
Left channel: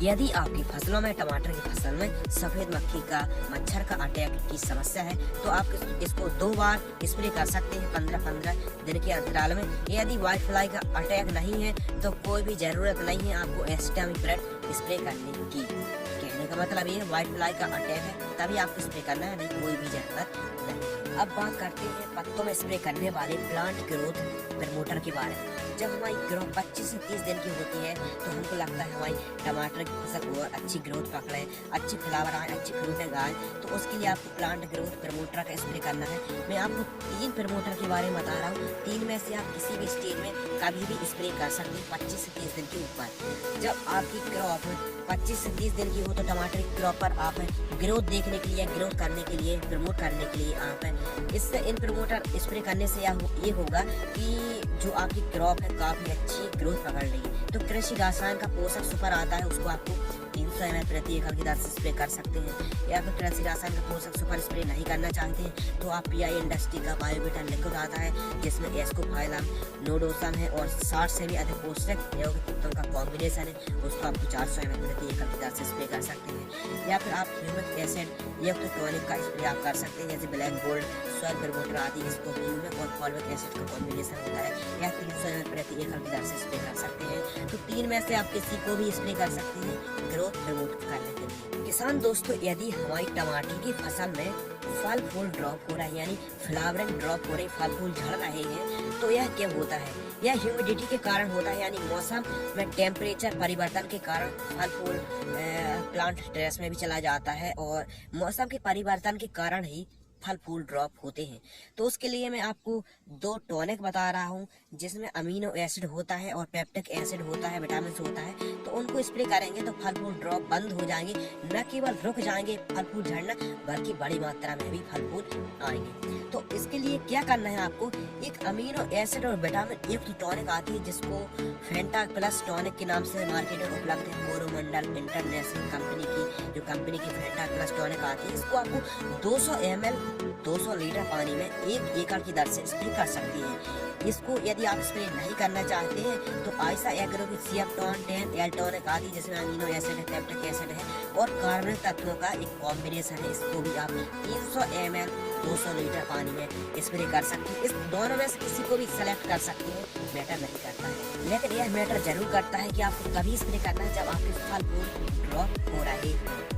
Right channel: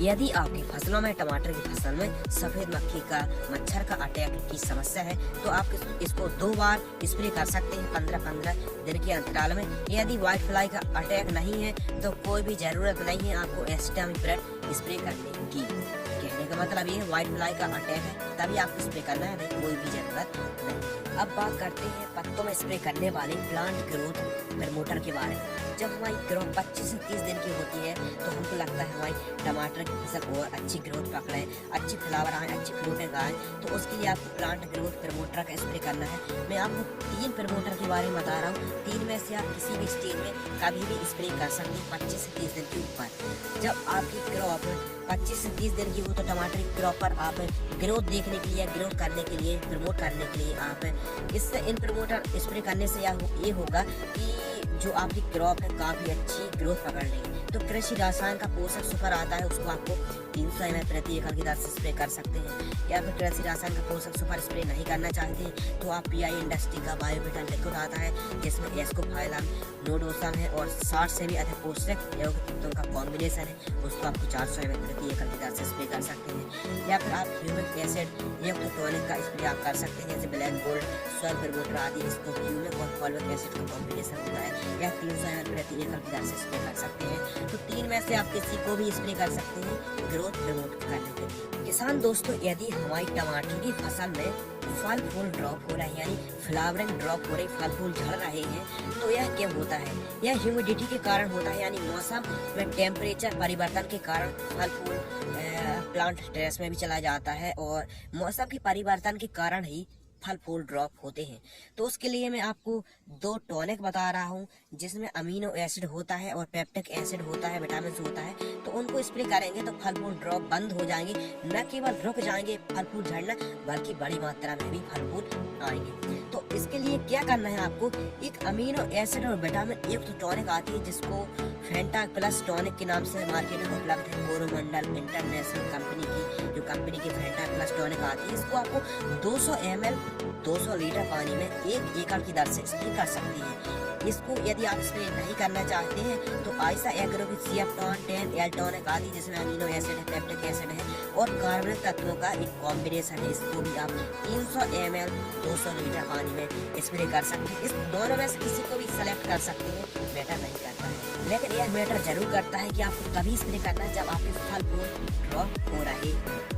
यदि आपकी फसलों में, टमाटर की फसल में सफेद मक्खी का मच्छर का अटैक की समस्या है तो आप इसको 2 बार स्प्रे कर सकते हैं 15-15 दिन के अंतराल में। यदि व्हाइट फ्लाई का अटैक नहीं है तो कोई भी जरूरत नहीं है आपको एसिटामिप्रेड स्प्रे करने की। कहने का मतलब ये व्हाइट फ्लाई का अटैक है तभी आपको स्प्रे करना है, नहीं कोई भी जरूरत नहीं। अब बात करते हैं पत्तों में स्प्रे करने वाले प्लांट ग्रोथ प्रमोटर के बारे में। जब हमारी ग्रोथ 25 से 30 दिन की होती है तो हमको लगता है हमारी टमाटर की फसल और अच्छी ग्रोथ पकड़े, अच्छी फ्लावर आए, अच्छी फ्रूटिंग आए, तो उसके लिए आपको प्लांट ग्रोथ प्रमोटर का स्प्रे करना है। मैं आपको 3 प्रमोटर के बारे में बता रहा हूँ, 3 में से आप किसी भी स्टेज में कभी भी स्प्रे कर सकते हैं 25 से 30 दिन के ऊपर। जब आपकी क्रॉप 25 से 30 दिन की हो तो टमाटर की क्रॉप पर आप ग्रोथ देखने के लिए, ग्रोथ करने के लिए, प्रमोट करने के लिए आप इससे इन प्रमोटर स्प्रे करने से ये होगा कि जो आपकी क्रॉप है काफी अच्छी ग्रोथ पकड़ रही है। तो कृषि रसायन का पोषक सुपर आता है, उसको आप आपको 300 ml प्रति एकड़ की दर से स्प्रे कर सकते हैं। या फिर कृषि रासायन का पोषक सुपर स्प्रे नहीं करना चाहते हैं तो आप PI इंडस्ट्री का बायोबिटा लिक्विड आता है जिसमें एस्कोफाइलम, नोडोसम है और 60 से भी अधिक पोषक एवं तत्वों का कॉम्बिनेशन है, उसको आप 400 ml प्रति एकड़ की दर से स्प्रे कर सकते हैं। या फिर आप ह्यूमिक एसिड युक्त टॉनिक का स्प्रे आप कर सकते हैं, जैसे ब्लैक गोल्ड, सॉइल प्रमोटर आदि, इसको ह्यूमिक और फॉल्विक एसिड का कॉम्बिनेशन होता है। या 300 ml प्रति एकड़ की दर से स्प्रे कर सकते हैं। तो 3 में से आप किसी को भी स्प्रे कर सकते हैं ग्रोथ प्रमोट करने के लिए। किसान दोस्तों, यदि हमारी टमाटर की फसल में फल फूल ड्रॉप हो रहा है, यानी फ्लावरिंग ड्रॉप हो रही, फल फूल झड़ रहे हैं, तो यह क्या होता है? यह ह्यूमिडिटी के कारण होता है, यानी मौसम में टेम्परेचर परिवर्तन के कारण फल फूल प्लांट स्ट्रेस में भी चला जाता है और मौसम के परिवर्तन के कारण ही फल फूल ड्रॉप होते हैं। तो उसके लिए मैं आपको 2 टॉनिक बता रहा हूँ जिसमें अमीनो एसिड होता है और पेप्टिक एसिड होता है, विटामिन होता है। तो उनको स्प्रे करेंगे तो फल फूल ड्रॉप बंद हो जाएंगे, न केवल रुक जाएंगे फल फूल झड़ना, बल्कि बड़ी मात्रा में भी फल फूल आएंगे। तो इसके लिए क्या करना है आपको, एक अमीनो एसिड और विटामिन युक्त टॉनिक आती है जिसको फेंटा प्लस टॉनिक के नाम से मार्केट में उपलब्ध है। कोरोमंडल इंटरनेशनल कंपनी की फेंटा प्लस टॉनिक आती है। इसको आपको 200 ml 200 लीटर पानी में 1 एकड़ की दर से स्प्रे कर सकती है। इसको यदि आप स्प्रे नहीं करना चाहते हैं तो आयशा एग्रो की CF10 एल टॉनिक आती है जिसमें अमीनो एसिड है, पेप्टिक एसिड है और कार्बनिक तत्वों का एक कॉम्बिनेशन है। इसको भी आप 300 ml 200 लीटर पानी में स्प्रे कर सकते हैं। इस दोनों में से किसी को भी सेलेक्ट कर सकते हो, मैटर नहीं करता है। लेकिन यह मैटर जरूर करता है कि आपको कभी स्प्रे करना है जब आपके फल फूल ड्रॉप हो रहे हैं।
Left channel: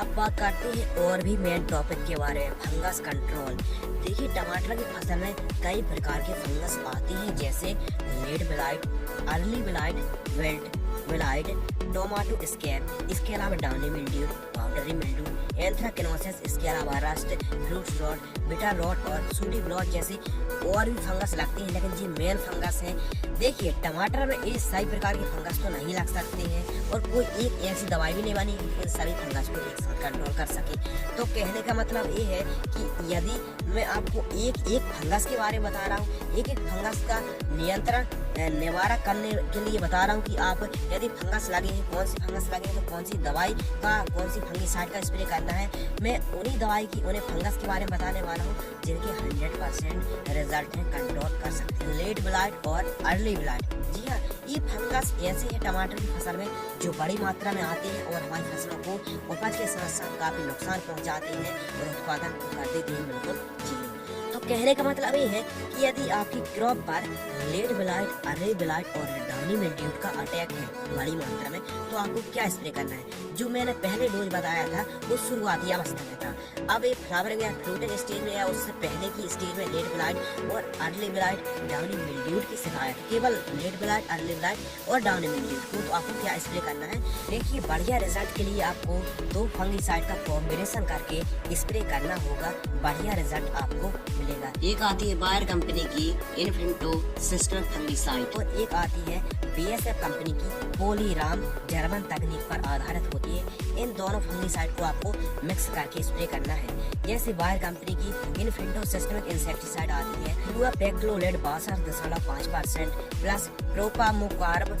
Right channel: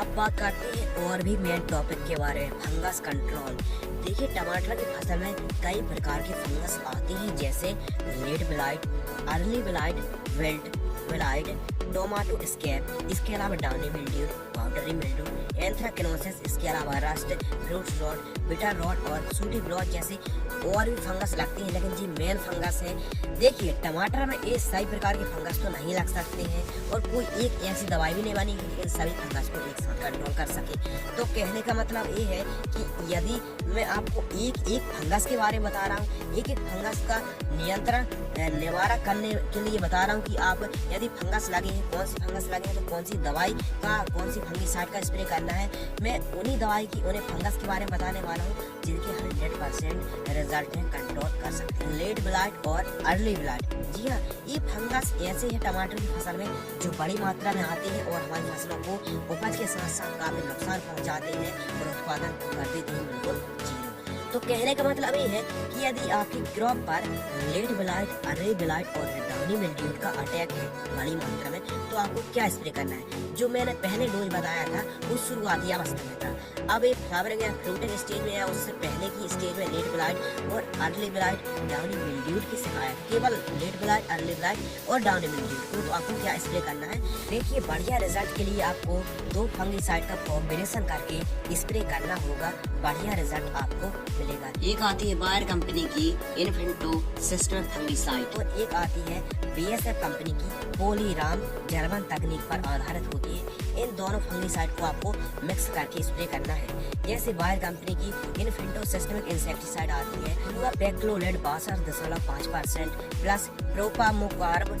अब बात करते हैं और भी मेन टॉपिक के बारे में, फंगस कंट्रोल। देखिए, टमाटर की फसल में कई प्रकार के फंगस आते हैं जैसे late blight, early blight, wilt blight, tomato scab, इसके अलावा downy mildew, powdery mildew, anthracnose, इसके अलावा rust, fruit rot, bitter rot और सूडी ब्लॉट जैसी और भी फंगस लगती है। लेकिन जी मेन फंगस है, देखिए टमाटर में ये सही प्रकार के फंगस तो नहीं लग सकते हैं और कोई एक ऐसी दवाई भी नहीं बनी कि इन सभी फंगस को एक साथ कंट्रोल कर सके। तो कहने का मतलब ये है कि यदि मैं आपको एक फंगस के बारे में बता रहा हूँ, एक फंगस का नियंत्रण निवारक करने के लिए बता रहा हूँ कि आप यदि फंगस लगे हैं, कौन सी फंगस लगे हैं तो कौन सी दवाई का, कौन सी फंगिसाइड का स्प्रे करना है। मैं उन्हीं दवाई की, उन्हें फंगस के बारे में बताने वाला हूँ जिनके 100% रिजल्ट है, कंट्रोल कर सकते हैं। लेड ब्लाइट और अर्ली ब्लाइट, जी हाँ, ये फंगस ऐसे है टमाटर की फसल में जो बड़ी मात्रा में आते हैं और हमारी फसलों को उपज के साथ साथ काफी नुकसान पहुंचाते हैं और उत्पादन कर देते हैं बिल्कुल जीरो। तो कहने का मतलब ये है कि यदि आपकी क्रॉप पर लेड ब्लाइट, अर्ली ब्लाइट और डाउनी मिल्ड्यू का अटैक है बड़ी मात्रा में, तो आपको क्या स्प्रे करना है। जो मैंने पहले डोज बताया था वो शुरुआती अवस्था में था। अब एक फ्लावरिंग या फ्रूटिंग स्टेज में या उससे पहले की स्टेज में लेड ब्लाइट और अर्ली ब्लाइट, डाउनी मिल्ड्यू की शिकायत, केवल लेड ब्लाइट, अर्ली ब्लाइट और डाउनी मिल्ड्यू को, तो आपको क्या स्प्रे करना है। देखिए, बढ़िया रिजल्ट के लिए आपको 2 फंगिसाइड का कॉम्बिनेशन करके स्प्रे करना होगा, बढ़िया रिजल्ट आपको मिलेगा। एक आती है बायर कंपनी की इन्फेंटो सिस्टर फंगिसाइड और एक आती है BASF कंपनी की पोलीराम, जर्मन तकनीक पर आधारित होती है। इन दोनों फंगिसाइड को आपको मिक्स करके स्प्रे करना है। जैसे बायर कंपनी की इन्फेंटो सिस्टमिक इंसेक्टिसाइड आती है, पूरा पेक्लोलेड 62.5% प्लस प्रोपामोकार्ब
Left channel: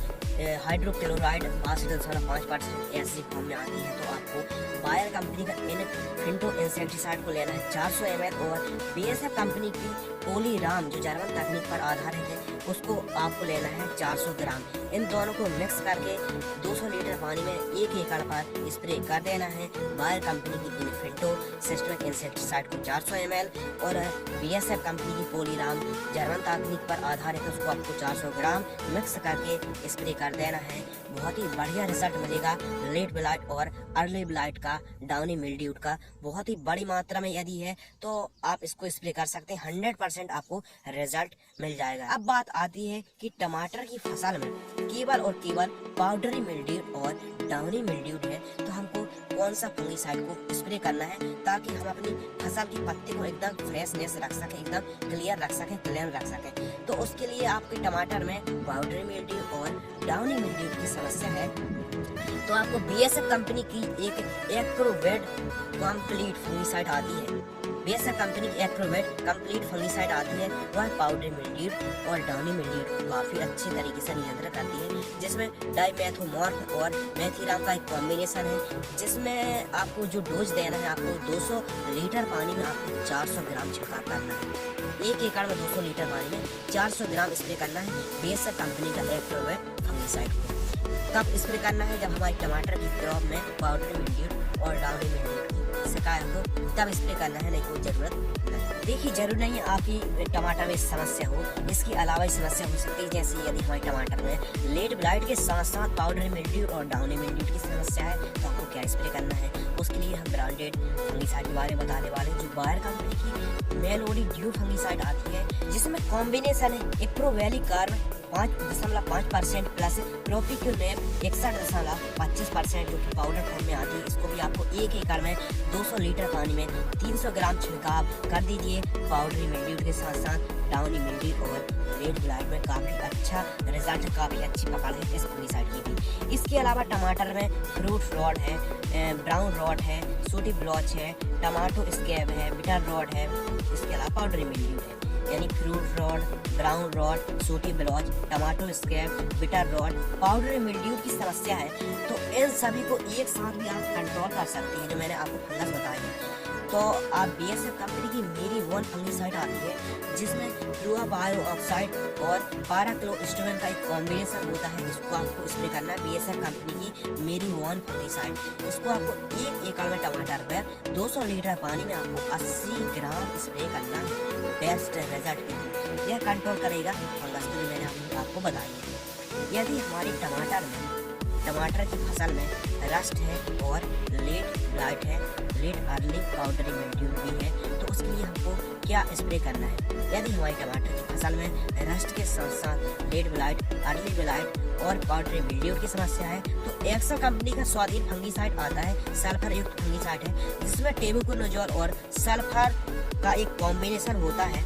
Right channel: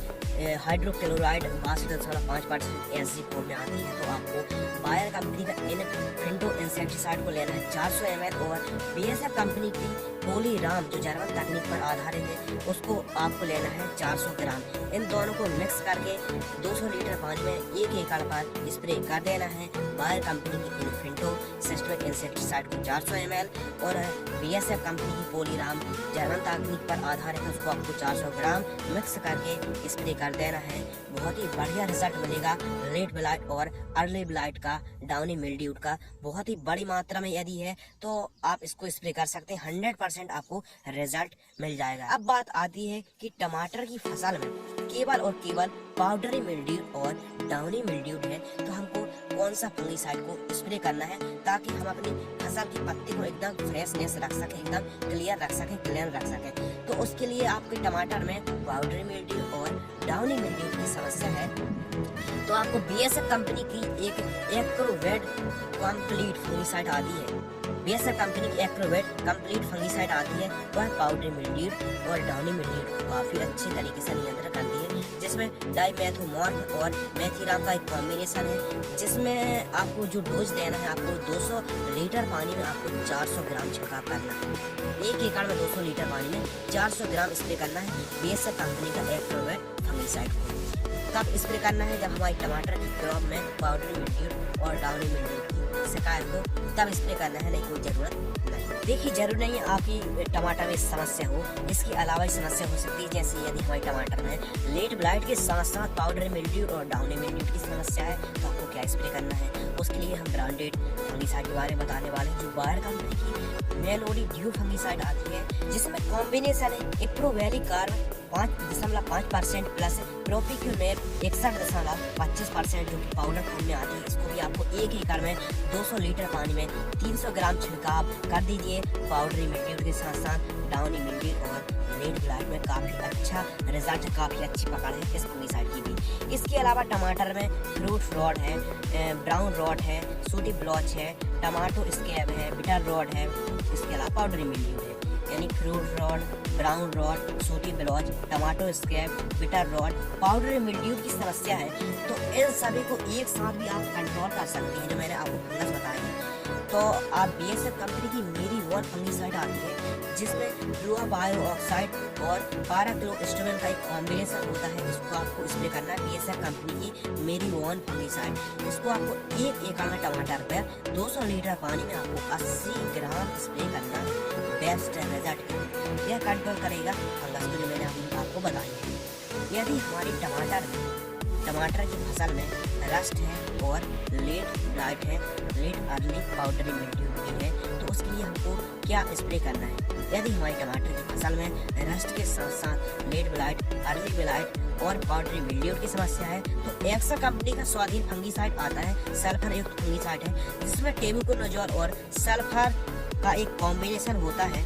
हाइड्रोक्लोराइड 62.5% ऐसी फॉर्म में आती है। तो आपको बायर कंपनी का इन्फेंटो इंसेक्टिसाइड को लेना है 400 ml और BASF कंपनी की पोलीराम जो जर्मन तकनीक पर आधारित है उसको आपको लेना है 400 ग्राम। इन दोनों को मिक्स करके 200 लीटर पानी में 1 एकड़ पर स्प्रे कर देना है। बायर कंपनी की इन्फेंटो सिस्टमिक इंसेक्टिसाइड को 400 ml और BASF कंपनी की पोलीराम जर्मन तकनीक पर आधारित है उसको आपको 400 ग्राम मिक्स करके स्प्रे कर देना है। बहुत ही बढ़िया रिजल्ट मिलेगा लेड ब्लाइट और अर्ली ब्लाइट का, डाउनी मिल्ड्यू का बहुत ही बड़ी मात्रा में यदि है तो आप इसको स्प्रे कर सकते हैं, 100% आपको रिजल्ट मिल जाएगा। अब बात आती है कि टमाटर की फसल में केवल और केवल पाउडरी मिल्ड्यू और डाउनी मिल्ड्यू है, तो हमको कौन सा फंगिसाइड को स्प्रे करना है ताकि हम अपनी फसल की पत्ती को एकदम फ्रेशनेस रख सके, एकदम क्लियर रख सके, क्लीन रख सके। तो उसके लिए आपके टमाटर में पाउडरी मिल्ड्यू और डाउनी मिल्ड्यू की समस्या है तो आपको BASF कंपनी की एक एक्रोवेट कंप्लीट फंगिसाइड आती है। BASF कंपनी की एक्रोवेट कंप्लीट फंगिसाइड आती है, वह पाउडरी मिल्ड्यू और डाउनी मिल्ड्यू काफी अच्छी तरीके से नियंत्रण करती है, जिसमें डाइमेथोमॉर्फ और मेथिराम का एक कॉम्बिनेशन है, जिसमें आपको जो डोज देना है, आपको 200 लीटर पानी में आपको 400 ग्राम छिड़काव करना है। 1 एकड़ में 200 लीटर पानी में 400 ग्राम स्प्रे करना है। BASF कंपनी का एक्टिव है फंगिसाइड। कब स्प्रे करना है? जब हमारे टमाटर की क्रॉप में पाउडरी मिल्ड्यू और डाउनी मिल्ड्यू की शिकायत हो, तब स्प्रे करना है, नहीं कोई जरूरत नहीं। देखिए, जरूर नहीं है आपकी टमाटर में समस्या हो, इसके अलावा समस्या हो सकती है, जैसे यदि हमारे टमाटर में लेट ब्लाइट के साथ साथ पाउडरी मिल्ड्यू और डाउनी मिल्ड्यू की समस्या है, तो आपको क्या स्प्रे करना है? उसके लिए हम ब्रांडेड फंगिसाइड के बारे में बताने वाले हैं, जो बायर कंपनी की मेलोडी ड्यू फंगिसाइड आती है, जिसमें कॉम्बिनेशन है इप्रोवैली कार्ब 5.5% प्लस प्रोपिक्यूनेट 61.25%, जो कि पाउडर फॉर्म में आती है। इसको भी आपको 1 एकड़ में 200 लीटर पानी में 300 ग्राम छिड़काव कर दीजिए। पाउडरी मिल्ड्यू के साथ साथ डाउनी मिल्ड्यू और लेट ब्लाइट में काफी अच्छा रिजल्ट है, काफी अच्छी पकड़ है इस फंगिसाइड की भी। इसके अलावा टमाटर में फ्रूट रॉड है, ब्राउन रॉड है, सूटी ब्लॉच है, टमाटो स्कैब है, बिटर रॉड है, इसके अलावा पाउडरी मिल्ड्यू है। यानी fruit rot, brown rot, sooty blotch, tomato scab, bitter rot, powdery mildew की समस्या है, तो इन सभी को एक साथ भी आप कंट्रोल कर सकते हैं, जो मैंने आपको फंगस बताया। तो आप BASF कंपनी की मेरी वन फंगिसाइड आती है, जिसमें फ्लोआ बायो ऑक्साइड और पाराक्लोस्टोन का एक कॉम्बिनेशन होता है, जिसको आपको स्प्रे करना है। BASF कंपनी की मेरी वन फंगिसाइड, इसको आपको 1 एकड़ में टमाटर पर 200 लीटर पानी में आपको 80 ग्राम स्प्रे करना है। बेस्ट रिजल्ट यह कंट्रोल करेगा फंगस के लिए मैंने आपको बताया। यदि हमारी टमाटर की फसल में रस्ट है और लेट ब्लाइट है, लेट अर्ली पाउडरी मिल्ड्यू भी है, तो उसके लिए हमको क्या स्प्रे करना है? यदि हमारी टमाटर की फसल में रस्ट के साथ साथ लेट ब्लाइट, अर्ली ब्लाइट और पाउडरी मिल्ड्यू की समस्या है, तो एक्सा कंपनी का स्वाधीन फंगिसाइड आता है, सल्फर युक्त फंगिसाइड है, जिसमें टेबुकोनोजोल और सल्फर का एक कॉम्बिनेशन होता है।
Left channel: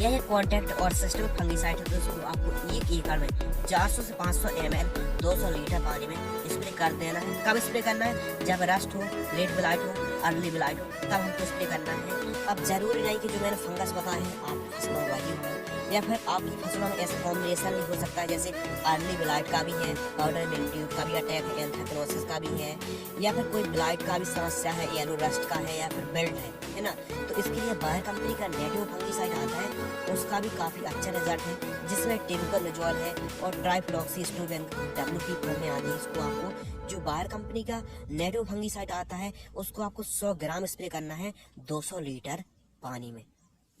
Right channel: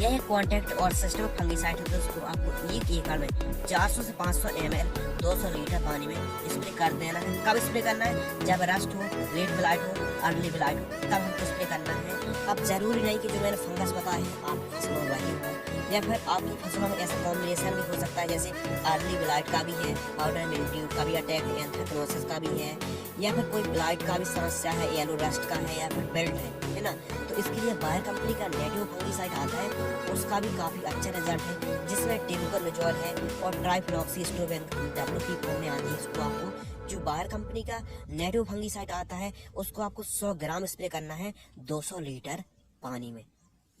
यह कॉन्टैक्ट और सिस्टम फंगिसाइड है, जिसको आपको 1 एकड़ में 400 से 500 ml 200 लीटर पानी में स्प्रे कर देना है। कब स्प्रे करना है? जब रस्ट हो, लेट ब्लाइट हो, अर्ली ब्लाइट हो, तब हमको स्प्रे करना है। अब जरूरी नहीं कि जो मैंने फंगस बताया है आपकी फसलों में वही हो, या फिर आपकी फसलों में ऐसा कॉम्बिनेशन भी हो सकता है, जैसे अर्ली ब्लाइट का भी है, पाउडर मिल्ड्यू का भी अटैक है, एंथ्रेक्नोसिस का भी है, या फिर कोई ब्लाइट का भी समस्या है, येलो रस्ट का है, या फिर बेल्ट है ना। तो इसके लिए बायर कंपनी का नेटिव फंगिसाइड आता है, उसका भी काफी अच्छा रिजल्ट है, जिसमें टेबुकोनोजोल है और ट्राइफ्लॉक्सीस्टोबेन टैबलेट की फॉर्म में आती है। इसको आपको जो बायर कंपनी का नेटिव फंगिसाइड आता है, उसको आपको 100 ग्राम स्प्रे करना है 200 लीटर पानी में।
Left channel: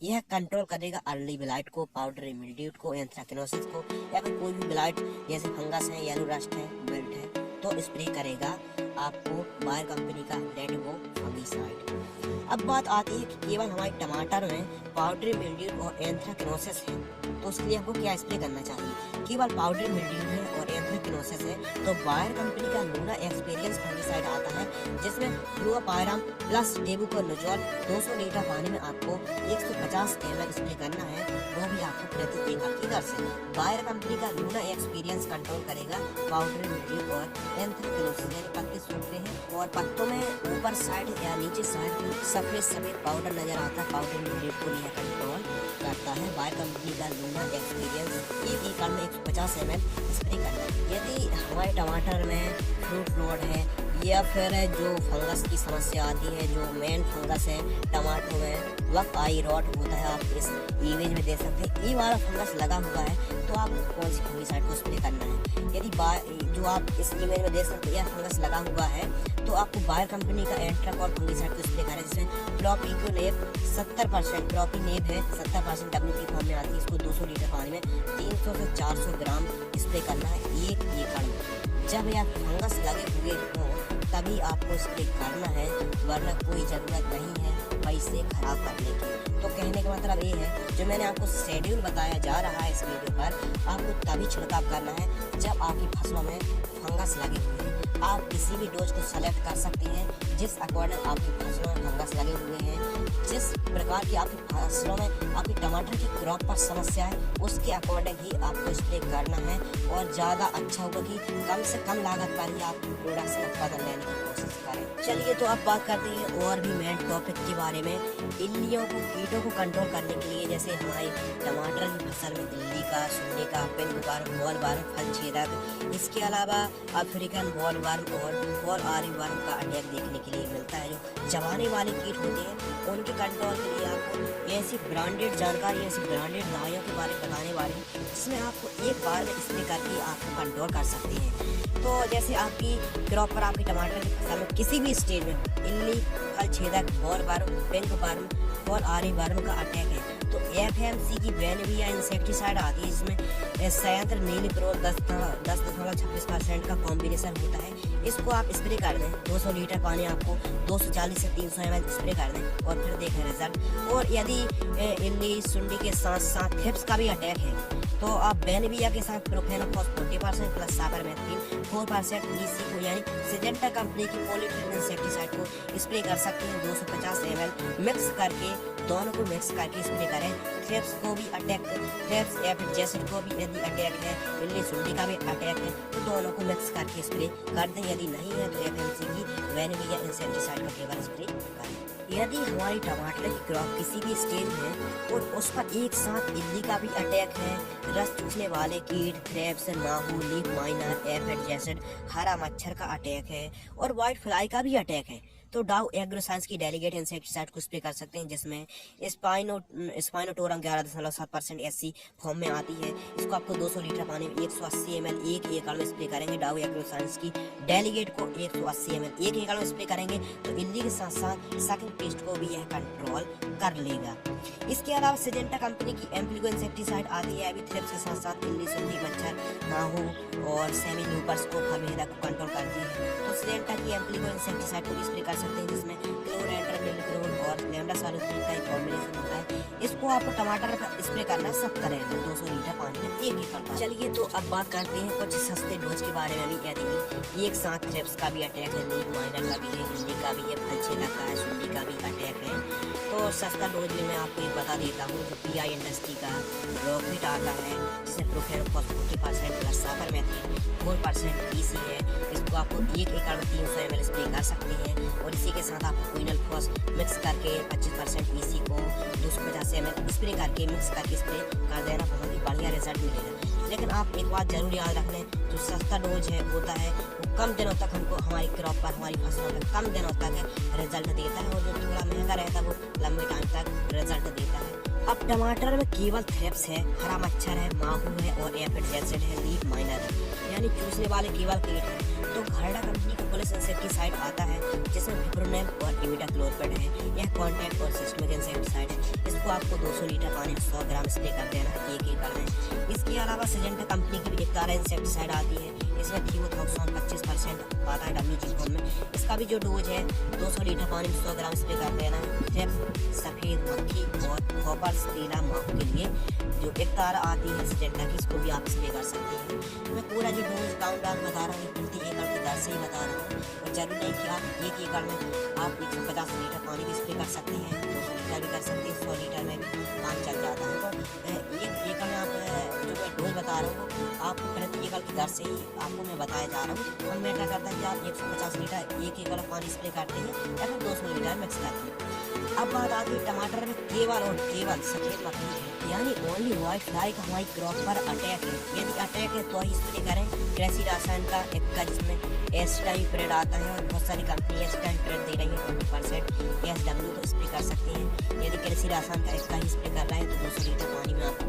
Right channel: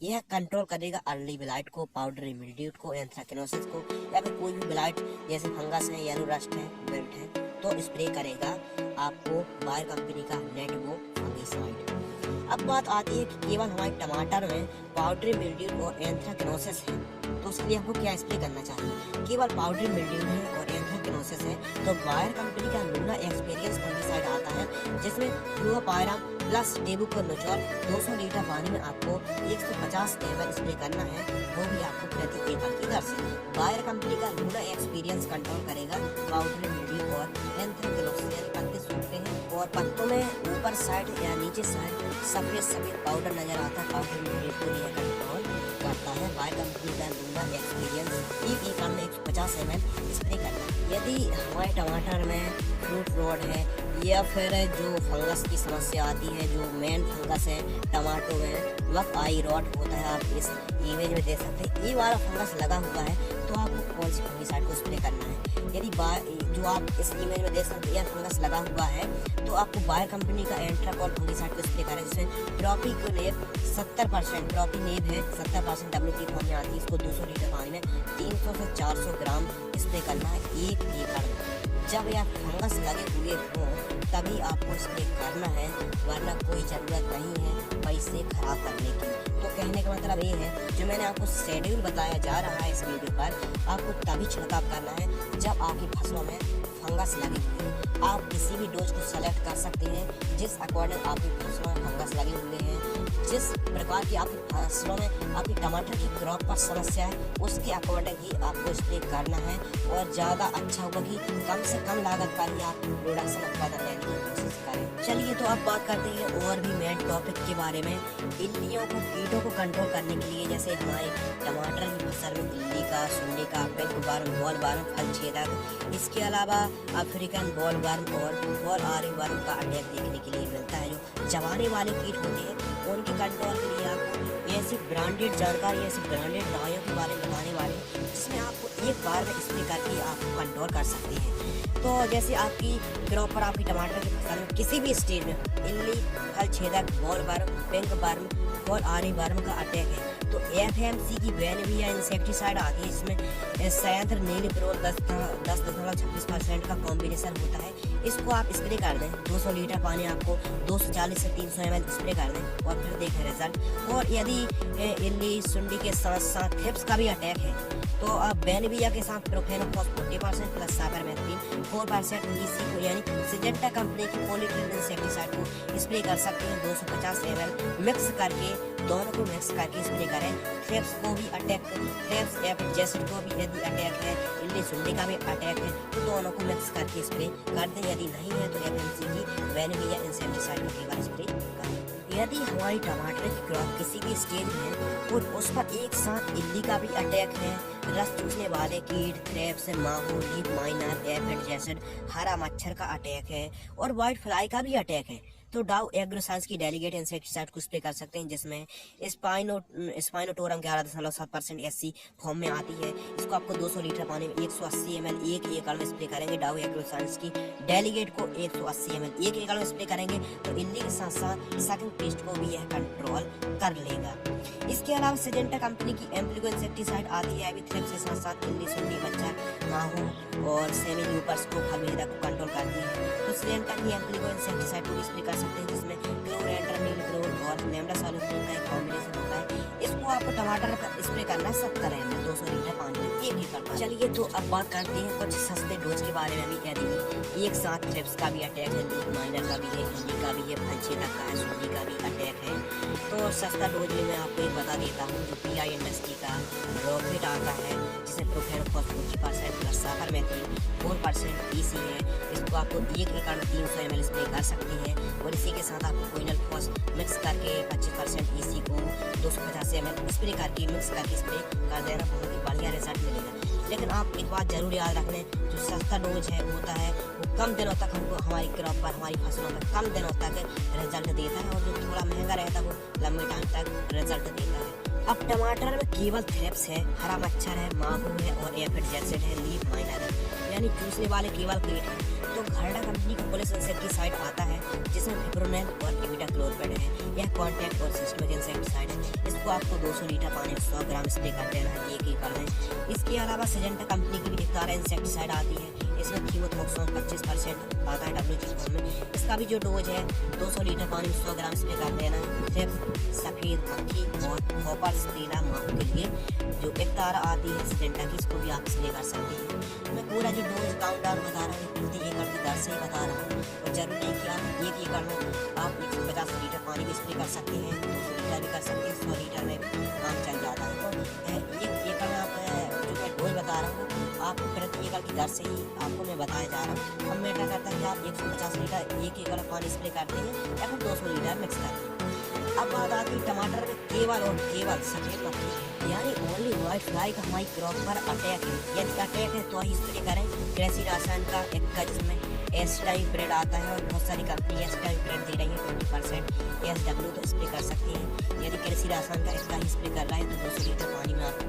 यह कंट्रोल करेगा अर्ली ब्लाइट को, पाउडरी मिल्ड्यू को, एंथ्रेक्नोसिस को, या फिर कोई भी ब्लाइट जैसे फंगस है, येलो रस्ट है, बेल्ट है, तो स्प्रे करेगा आपको बायर कंपनी का नेटिव फंगिसाइड। अब बात आती है कि केवल हमारे टमाटर में पाउडरी मिल्ड्यू और एंथ्रेक्नोसिस है, तो उसके लिए हमको क्या स्प्रे करना चाहिए? केवल पाउडरी मिल्ड्यू है और एंथ्रेक्नोसिस है, तो बायर कंपनी का लूना एक्सपीरियंस फंगिसाइड आता है, जिसमें फ्लोरोपाइराम प्लस टेबुकोनोजोल 200 लीटर पानी में आपको 150 ml स्प्रे करना है, वो भी आपको प्रति एकड़ की दर से। बायर कंपनी का लूना एक्सपीरियंस कंट्रोल करेगा पाउडरी मिल्ड्यू और एंथ्रेक्नोसिस। पत्ते सूखते हैं और पत्तों में ऊपर साइड या नीचे साइड सफेद पाउडर नजर आता है, पाउडरी मिल्ड्यू को यह कंट्रोल करता है। बायर कंपनी का लूना एक्सपीरियंस 1 एकड़ में 150 ml स्प्रे करना है। यदि हमारे टमाटर में फ्रूट रॉड है, या फिर जो फंगस की समस्या आती है, जो मेन फंगस है टमाटो में, वह आई रॉट होता है, आप इस इमेज में देख सकते हैं, ये वाला फंगस लगा हुआ है, तो आपको कौन सी फंगिसाइड को स्प्रे करना है? यदि जो आप इस इमेज में देख सकते हैं, यह फंगस लगा हुआ है, तो आपको बायर कंपनी का एंट्राकॉल फंगिसाइड को स्प्रे करना है, जिसमें प्रोपिक्यूनेट 70% प्रोपिनेप है, 70% WT फॉर्म में आती है। इसको 200 लीटर पानी में 300 से 400 ग्राम स्प्रे करना है 1 एकड़ में। जब यह फंगस लगे हुए हो तभी आपको स्प्रे करना है, वरना कोई जरूरत नहीं है पैसे खराब करने की। तो कहने का मतलब ये है, जो मैंने आपको शेड्यूल बताया जा रहा है इस वीडियो पर, आपको तभी छिड़काव करना है जब आपकी फसलों में फंगस लगी हुई है। आप किसी भी डोज को सेलेक्ट कर सकते हैं जिस अकॉर्डिंग आपकी फसलों में फंगस लगे हुए हैं, जिस प्रकार की आपकी फसलों में आपकी टमाटर की क्रॉप पर समस्या है, उसके अकॉर्डिंग ही आपको स्प्रे करना है, और ज़्यादा अच्छा होगा कि कम से कम लागत पर ही आप प्रोडक्शन उत्पादन लेने की कोशिश करें। चलिए तो अब बात करते हैं और भी मेन टॉपिक के बारे में। इल्लियों को कीटों को कंट्रोल करने के लिए जैसे हमारे टमाटर की फसल में इल्ली का, सुंडी का, पिंक वर्म, बॉल वर्म, फल छेदक, इसके अलावा अफ्रीकन बॉल वर्म और बॉल आरी वर्म का अटैक देखने के लिए मिलता है। जो चबाने वाले कीट होते हैं और उनके कंट्रोल के लिए आप ऐसी ब्रांडेड जानकारी, ऐसी ब्रांडेड दवाइयों के बारे में बताने वाले जिसमें आपको एक बार में स्प्रे करके आप कंट्रोल कर सकते हैं। तो जैसे आपकी क्रॉप पर, आपकी टमाटर की फसल में किसी भी स्टेज में इल्ली, फल छेदक, ball worm, pink worm, ball आरी वर्म का अटैक है तो FMC की बेनविया इंसेक्टिसाइड आती है जिसमें सयंत्र नीलिप्रोल 10.26% का कॉम्बिनेशन होता है। इसको आप स्प्रे कर दें, 200 लीटर पानी आपको 240 से 300 ml स्प्रे कर दें और फिर देखें रिजल्ट। और यदि इल्ली, सुंडी के साथ साथ थ्रिप्स का भी अटैक है तो आप बेनविया के साथ प्रोफेनोफॉस 40% प्लस साबरमेथ्रिन 4% EC को यानी सिजेंटा कंपनी की पॉलीट्रिन इंसेक्टिसाइड को स्प्रे कर सकते हैं। 250 ml मिक्स करके, दोनों को मिक्स करके स्प्रे करें। थ्रिप्स को भी अटैक, थ्रिप्स एफिड जैसिड को भी यदि अटैक है, इल्ली, सुंडी का भी अटैक है तो दोनों को मिक्स करके स्प्रे कर दें। यदि नहीं है तो FMC की बेनविया इंसेक्टिसाइड को केवल स्प्रे करें। यदि हमारी टमाटर की क्रॉप किसी भी स्टेज में और उस पर एक साथ इल्ली का भी अटैक है, रस चूसने वाले कीट, थ्रिप्स, माहू, लीफ माइनर, एफिड जैसिड, हरा मच्छर का अटैक है और व्हाइट फ्लाई का भी अटैक है तो डाउ एग्रोसाइंस की डेलीगेट इंसेक्टिसाइड को स्प्रे कर सकते हैं जिसमें स्पाइनोटोरम 11.7% SC फॉर्म में आती है। इसको आपको 200 लीटर पानी में 180 ml एक एकड़ में स्प्रे करेंगे। डाउ एग्रोसाइंस की डेलीगेट को 180 ml एक एकड़ में स्प्रे करेंगे तो इल्ली के साथ साथ सकिंग पेस्ट को भी यह कंट्रोल कर लेगा। इसके अलावा सिजेंटा कंपनी की एम्प्लिको इंसेक्टिसाइड आती है, अभी थ्रिप्स के साथ साथ इल्ली, सुंडी, मच्छर, माहू और सेमी ल्यूपर्स को, खमीरा को कंट्रोल करती है। तो सिजेंटा की एम्प्लिको इंसेक्टिसाइड को भी स्प्रे कर सकते हैं जिसमें क्लोरेंटर, नीलक्रोल और लेमडा सॉल्यूशन का एक कॉम्बिनेशन होता है। इसको आपको टमाटर पर स्प्रे करना है 70 ml 200 लीटर पानी में एक एकड़। चलिए तो अब बात करते हैं कुछ सस्ते डोज के बारे में। यदि एक साथ थ्रिप्स का भी अटैक है, लीफ माइनर का भी है, इल्ली का भी है, फल छेदक का है, सुंडी का भी अटैक है तो सस्ता डोज में मैं आपको बता देता हूँ। जो PI इंडस्ट्री का रॉकेट आता है जिसमें प्रोफेनोफॉस 40% प्लस साबरमेथ्रिन 4% EC है, इसको आपको एक एकड़ में 300 ml स्प्रे कर सकते हैं। और इसी के साथ आपको क्विनोलफॉस मिक्स करके 25% EC को 250 ml स्प्रे करके मिक्स करके स्प्रे कर देना, बहुत ही बढ़िया रिजल्ट मिलेगा। लेकिन आप एक बात जरूर याद रख लें, जो सस्ता डोज है होता है वो कम दिनों तक हमको हमारी क्रॉप पर, हमारी फसलों में कम दिनों तक रिजल्ट देता है और जो थोड़ा महंगा रहता है वो लंबे टाइम तक रिजल्ट देता है। अब टमाटर में केवल थ्रिप्स है, हरा मच्छर है, माहू है और एफिड जैसिड है, लीफ माइनर है यानी चूसने वाले केवल कीट है तो घरडा कंपनी की पुलिस इंसेक्टिसाइड आता है जिसमें फिप्रोनिल और इमिडाक्लोरपिड है। यह कॉन्टैक्ट और सिस्टमिक इंसेक्टिसाइड है। इसको आपको 200 लीटर पानी में 100 ग्राम स्प्रे कर देना है एक एकड़ में। इसके अलावा सिजेंटा कंपनी की भी डिक्टारा इंसेक्टिसाइड आती है, इसमें थियोथोक्सोन 25% आता है WG फॉर्म में। इसका भी जो डोज है 200 लीटर पानी में 100 ग्राम स्प्रे कर देना है। सफेद मक्खी और कॉपर स्टीला माहू के लिए जो डिक्टारा आती है सिजेंटा की, इसको भी आप स्प्रे कर सकते हैं। मैं पूरा जो डोज काउंटडाउन बता रहा हूँ प्रति एकड़ की दर से ही बता रहा हूँ और जरूरी नहीं कि आप एक एकड़ में आप 150 लीटर पानी भी स्प्रे कर सकते हैं, 200 लीटर भी कर सकते हैं, 100 लीटर में भी काम चल जाता है। तो एक एकड़ में आप जो मैं डोज बता रहा हूँ आप प्रति एकड़ की दर से ही आपको मैं बताया जा रहा हूँ। हम मैटर करते हैं कि आप 150 लीटर एक एकड़ पानी स्प्रे करते हैं या फिर 200 लीटर मिक्स करते हैं। अब बात आती है टमाटर में केवल और केवल सफेद मक्खी है यानी ओनली व्हाइट फ्लाई का हमारी क्रॉप पर अटैक है। यदि अटैक है तो ही स्प्रे करें। कृषि रासायन का एक का जिसमें एस्टाइप्रिड आता है और बहुत सारी कंपनी एस्टाइप्रिड दे रही है 20% SW तो स्प्रे कर सकते हैं। यदि कृषि रासायन का इसका ही स्प्रे कर रहा है तो 200 लीटर पानी में आपको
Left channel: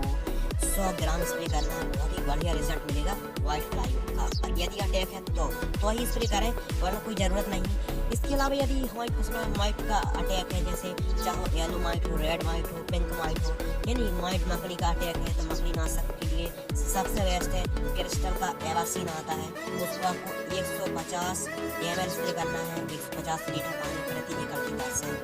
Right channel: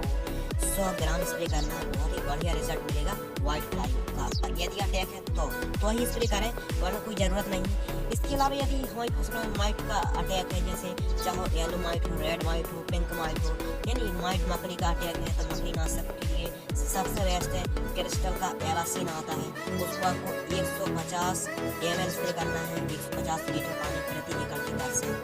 100 ग्राम स्प्रे करना, बहुत ही बढ़िया रिजल्ट मिलेगा व्हाइट फ्लाई का। यदि अटैक है तो ही स्प्रे करें वरना कोई ज़रूरत नहीं। इसके अलावा यदि हमारी फसलों में माइट का अटैक है, जैसे चाहे येलो माइट हो, रेड माइट हो, पिंक माइट हो, यानी माइट मकड़ी का अटैक है तो मकड़ी नाशक के लिए सबसे बेस्ट है क्रिस्टल का एलासीन आता है, उसको आपको 150 ml स्प्रे करना है 150 लीटर पानी प्रति एकड़ की दर से।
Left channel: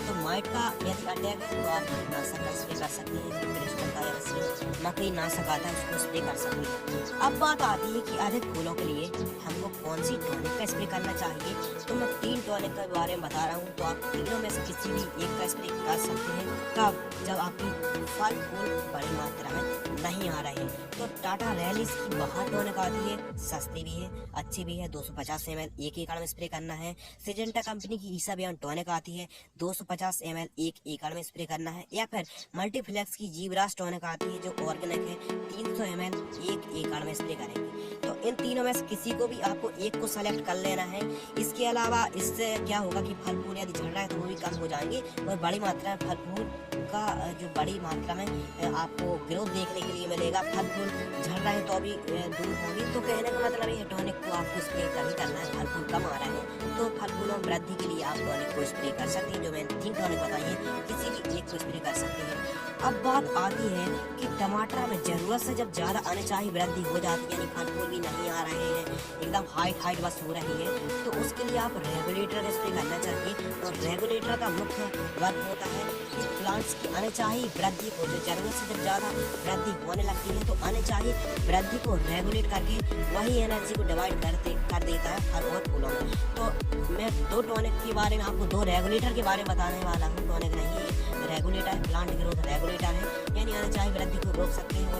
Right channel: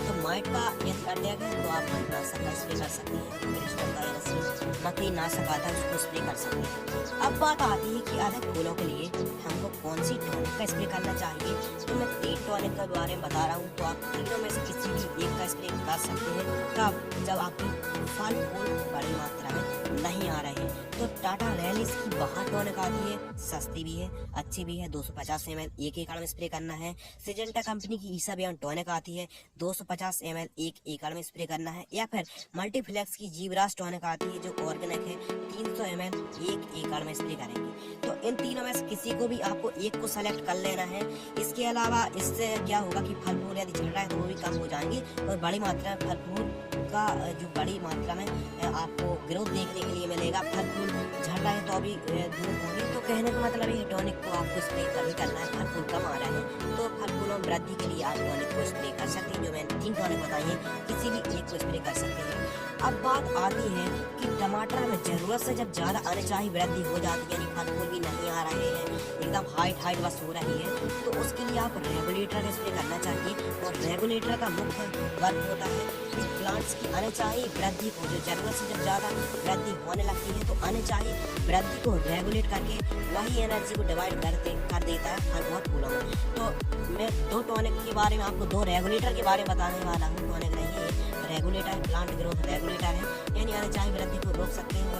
तो माइट का यदि अटैक है तो आप नाशक का स्प्रे कर सकते हैं, क्रिस्टल का एलासीन मकड़ी नाशक आता है उसको स्प्रे कर सकते हैं। अब बात आती है कि अधिक फूलों के लिए हमको कौन सी टॉनिक का स्प्रे करना चाहिए। तो मैं 3 टॉनिक के बारे में बता रहा हूँ, तो आप तीनों में से किसी भी एक का स्प्रे कर सकते हैं। तब जब आपकी फल फूल बड़ी मात्रा में नहीं आ रहे हैं तो टाटा रैलिस की 62 टॉनिक आती है, सस्ती भी है, अच्छी भी है। 250 ml एक एकड़ में स्प्रे करना है। सिजेंटा कंपनी की ईसा बियॉन्ड टॉनिक आती है, 250 ml एक एकड़ में स्प्रे करना है। या फिर मल्टीफ्लेक्स की जीवराज टॉनिक आती है जो ऑर्गेनिक है, 300 ml एक एकड़ में स्प्रे करेंगे। तो इन तीनों में से किसी को भी आपको एक को सेलेक्ट कर लेना है। इसके अलावा इससे क्या होगा कि फल फूल यदि झड़ रहा है तो वो भी कम हो जाएंगे और बड़ी मात्रा में फल फूल का जो बड़ी मात्रा में आपको ग्रोथ देखने के लिए मिलेगा। फल फूल झड़ रहे हैं तो अभी दूर होंगे। तो कहने का मतलब ये टॉनिक को आपको स्प्रे तभी करना है, फल फूल कम आ रहे हैं तो फल फूलों में वृद्धि के लिए आप टॉनिक को स्प्रे कर सकते हैं। जो मैंने 3 टॉनिक बताई है, किसी भी एक को स्प्रे कर सकते हैं। अब बात आती है कि टमाटर में जरूरत से जब ज्यादा अनचाही वृद्धि हो जाती है, यानी फल फूल भी नहीं आ रहे हैं, एकदम हाइट बस हो रही है, तो उसके लिए आप रेगुलेटर स्प्रे करना चाहिए। और रेगुलेटर का मुख्य वर्क होता है कि प्लांट्स की अनचाही वृद्धि को, जो जरूरत से जब ज्यादा वृद्धि होने लगती है तो अनचाही वृद्धि को रेगुलेट करके वही एनर्जी को डिवाइड कर देता है फल और फूलों में। तो मैं 2 टॉनिक के बारे में आपको 2 रेगुलेटर के बारे में बताने वाला हूँ। टॉनिक नहीं है, रेगुलेटर, प्लांट ग्रोथ रेगुलेटर है, यानी अनचाही वृद्धि को रोक सकते हैं और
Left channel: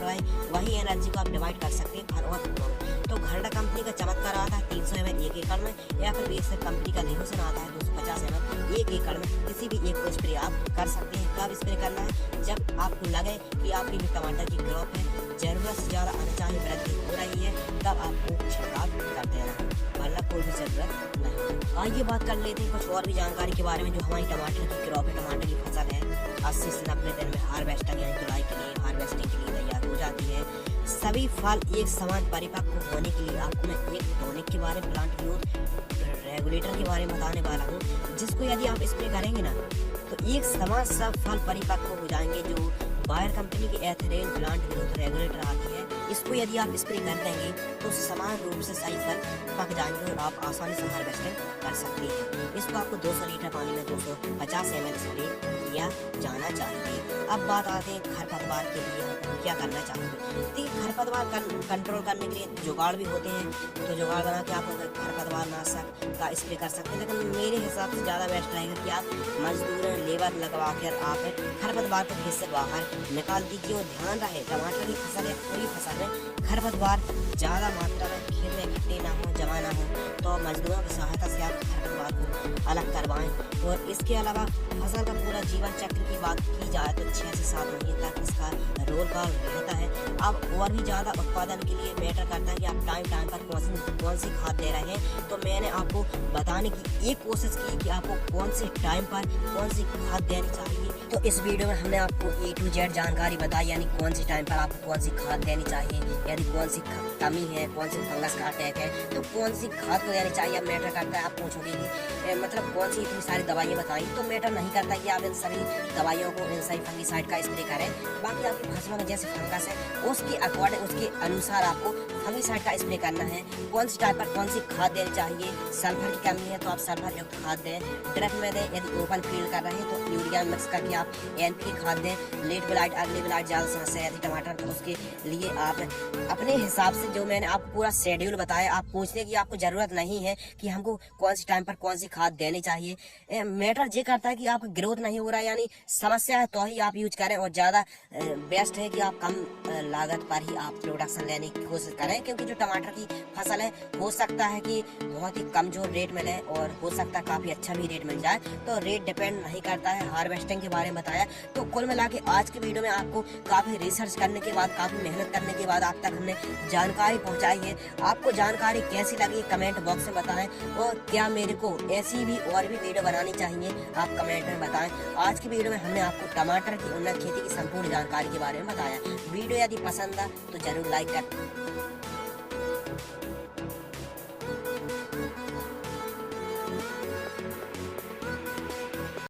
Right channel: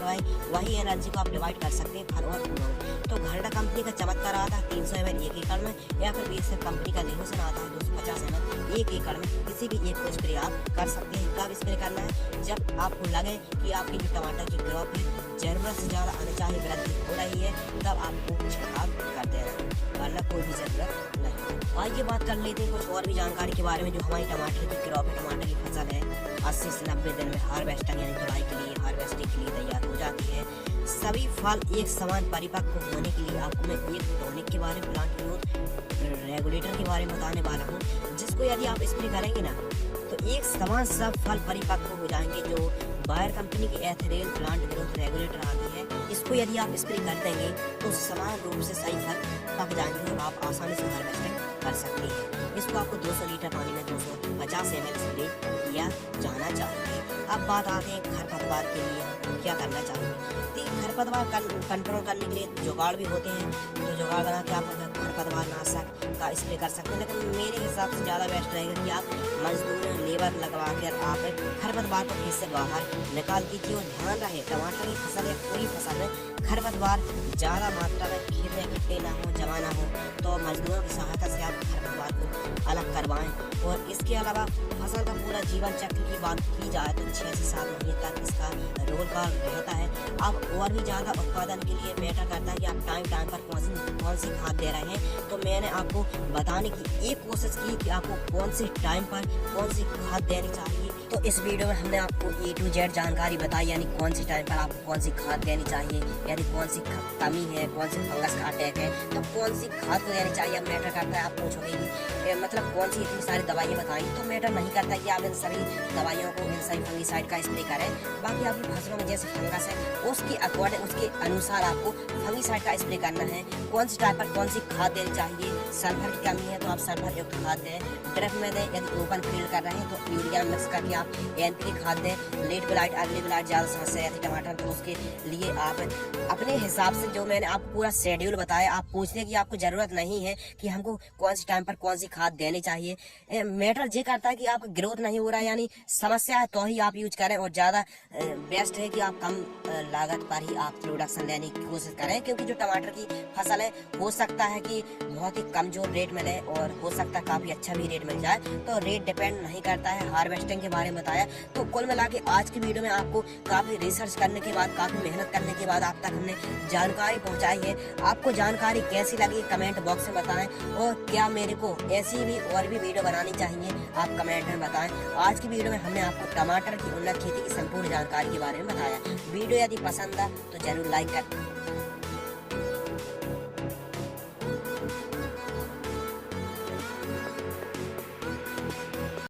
वही एनर्जी को आप डिवाइड कर सकते हैं फल और फूलों में। तो घरडा कंपनी का चमत्कार आता है 300 ml एक एकड़ में, या फिर बीएसएफ कंपनी का लेहोसन आता है 250 ml एक एकड़ में। किसी भी एक को स्प्रे आप कर सकते हैं। कब स्प्रे करना है? जब आपको लगे कि आपकी जो टमाटर की क्रॉप है जरूरत से ज्यादा अनचाही वृद्धि हो रही है, तब आपको छिड़काव कर देना है, वरना कोई भी जरूरत नहीं। आइए बात कर लेते हैं कुछ और भी जानकारी के बारे में। जो हमारी टमाटर की क्रॉप है, टमाटर की फसल है, 80 से 90 दिन में हार्वेस्टिंग यानी धुलाई के लिए, हार्वेस्टिंग के लिए तैयार हो जाती है। सभी फल एक समान परिपक्व होने के लिए आपको मैं एक टॉनिक के बारे में, प्लांट ग्रोथ रेगुलेटर के बारे में बताने वाला हूँ, जिसको यदि आप स्प्रे करेंगे ना तो एक समान सब फल परिपक्व हो जाएंगे। जो बायर कंपनी की एथेरेन प्लांट ग्रोथ रेगुलेटर आती है, इसको यदि आप स्प्रे कर देंगे तो समान रूप से सही फल पक जाएंगे और आप आसानी से हार्वेस्टिंग कर सकते हैं। इसको आपको 200 लीटर पानी में 250 ml स्प्रे किया जाना चाहिए। अब बात आते हैं खरपतवार के लिए क्या करना चाहिए। तो खरपतवार कंट्रोल करने के लिए जुगाड़ भी होते हैं, तो जुगाड़ बना के आप खरपतवार नाशक का स्प्रे कर सकते हैं। लेकिन मेरे हिसाब से ज़्यादा बेस्ट रहेगा कि आप मजदूर लेबर लगवा कर आप खरपतवार को खेत से बाहर निकाल दीजिए। और ध्यान रहे टमाटर की फसल है, पूरी फसल है, खरपतवार ज़्यादा मात्रा में खेत में इकट्ठे ना हो, जमा ना हो, तो मजदूरों की सहायता से आप खरपतवार को अलग करवाएं। और इसके अलावा फसल का पूरा जीवन चक्र की बात की जाए तो 6 से 7 महीने तक इसका रोल का रहता है। अब और भी ज़्यादा उत्पादन के लिए मैटर करता है कि आप टाइम पर कौन सी खाद दे रहे हैं। तो मैंने आपको बताने की एक कोशिश की कि आपको कौन से टाइम पर कौन सी खाद देनी चाहिए। तो इस वीडियो में हमने आपको A to Z जानकारी बताई, यानी कौन सी टाइम पर आपको कौन सी खाद देनी चाहिए, यानी कौन सी कमी है, कौन सी फंगस का अटैक है, तो कौन सी खाद को देनी चाहिए। अब मैटर करता है, आप पूछोगे कि मतलब कौन सी इतनी सारी दवाइयाँ बताई, तो मैटर नहीं करता कि आप इन सभी दवाइयों को, इन सभी फंगिसाइड का स्प्रे करें। बाकी आपकी फसलों में जैसे फंगस है उसके अकॉर्डिंग, उसके अनुसार आपको फंगिसाइड का स्प्रे करना है। कौन सी टाइम पर कौन सी खाद देनी चाहिए। सल्फर की कमी है तो आप सल्फर युक्त खाद दें, ड्रिप में दें। यदि ओपन फील्ड कर रहे हैं तो यूरिया मिक्स करके आप NPK खाद दें। लेट ब्लाइट, अर्ली ब्लाइट ज़्यादा समस्या रहती है टमाटर, तो उसके लिए आप अपने हिसाब से, जो मैंने आपको पूरा शेड्यूल बताया, आप पूछने की आपको ज़रूरत नहीं है कि हमको कौन सी टाइम पर कौन सी खाद देनी चाहिए। मैटर ये करता है कि आपका ग्रोथ नहीं हो रहा है, यानी समस्या है, तो ही आप यूज करें। और ज़्यादा बेस्ट है कि आप कम लागत पर ही आप प्रोडक्शन लेने की कोशिश करें, क्योंकि जो टमाटर की फसल है हो सकता है कि बहुत ही कमजोर रेट मिले और हो सकता है काफ़ी अच्छा भी रेट मिल जाए। तो रेट डिपेंड नहीं करता है। हार्वेस्टिंग के बारे में बताया। तो कुल मिला के आज की वीडियो में आपको काफ़ी रिसर्च करने के बाद, काफ़ी मेहनत करने के बाद आप तक हमने जानकारी पहुंचाई है। आपको जानकारी कैसी लगी कमेंट बॉक्स में बताएं, और क्या मेरे को ऐसी भी और भी वीडियो बनानी चाहिए आप कमेंट में बताएं। आज की वीडियो में हमने आपको टमाटर की उन्नत खेती की संपूर्ण जानकारी के बारे में बताया। वीडियो यदि पसंद है तो जरूर लाइक करें।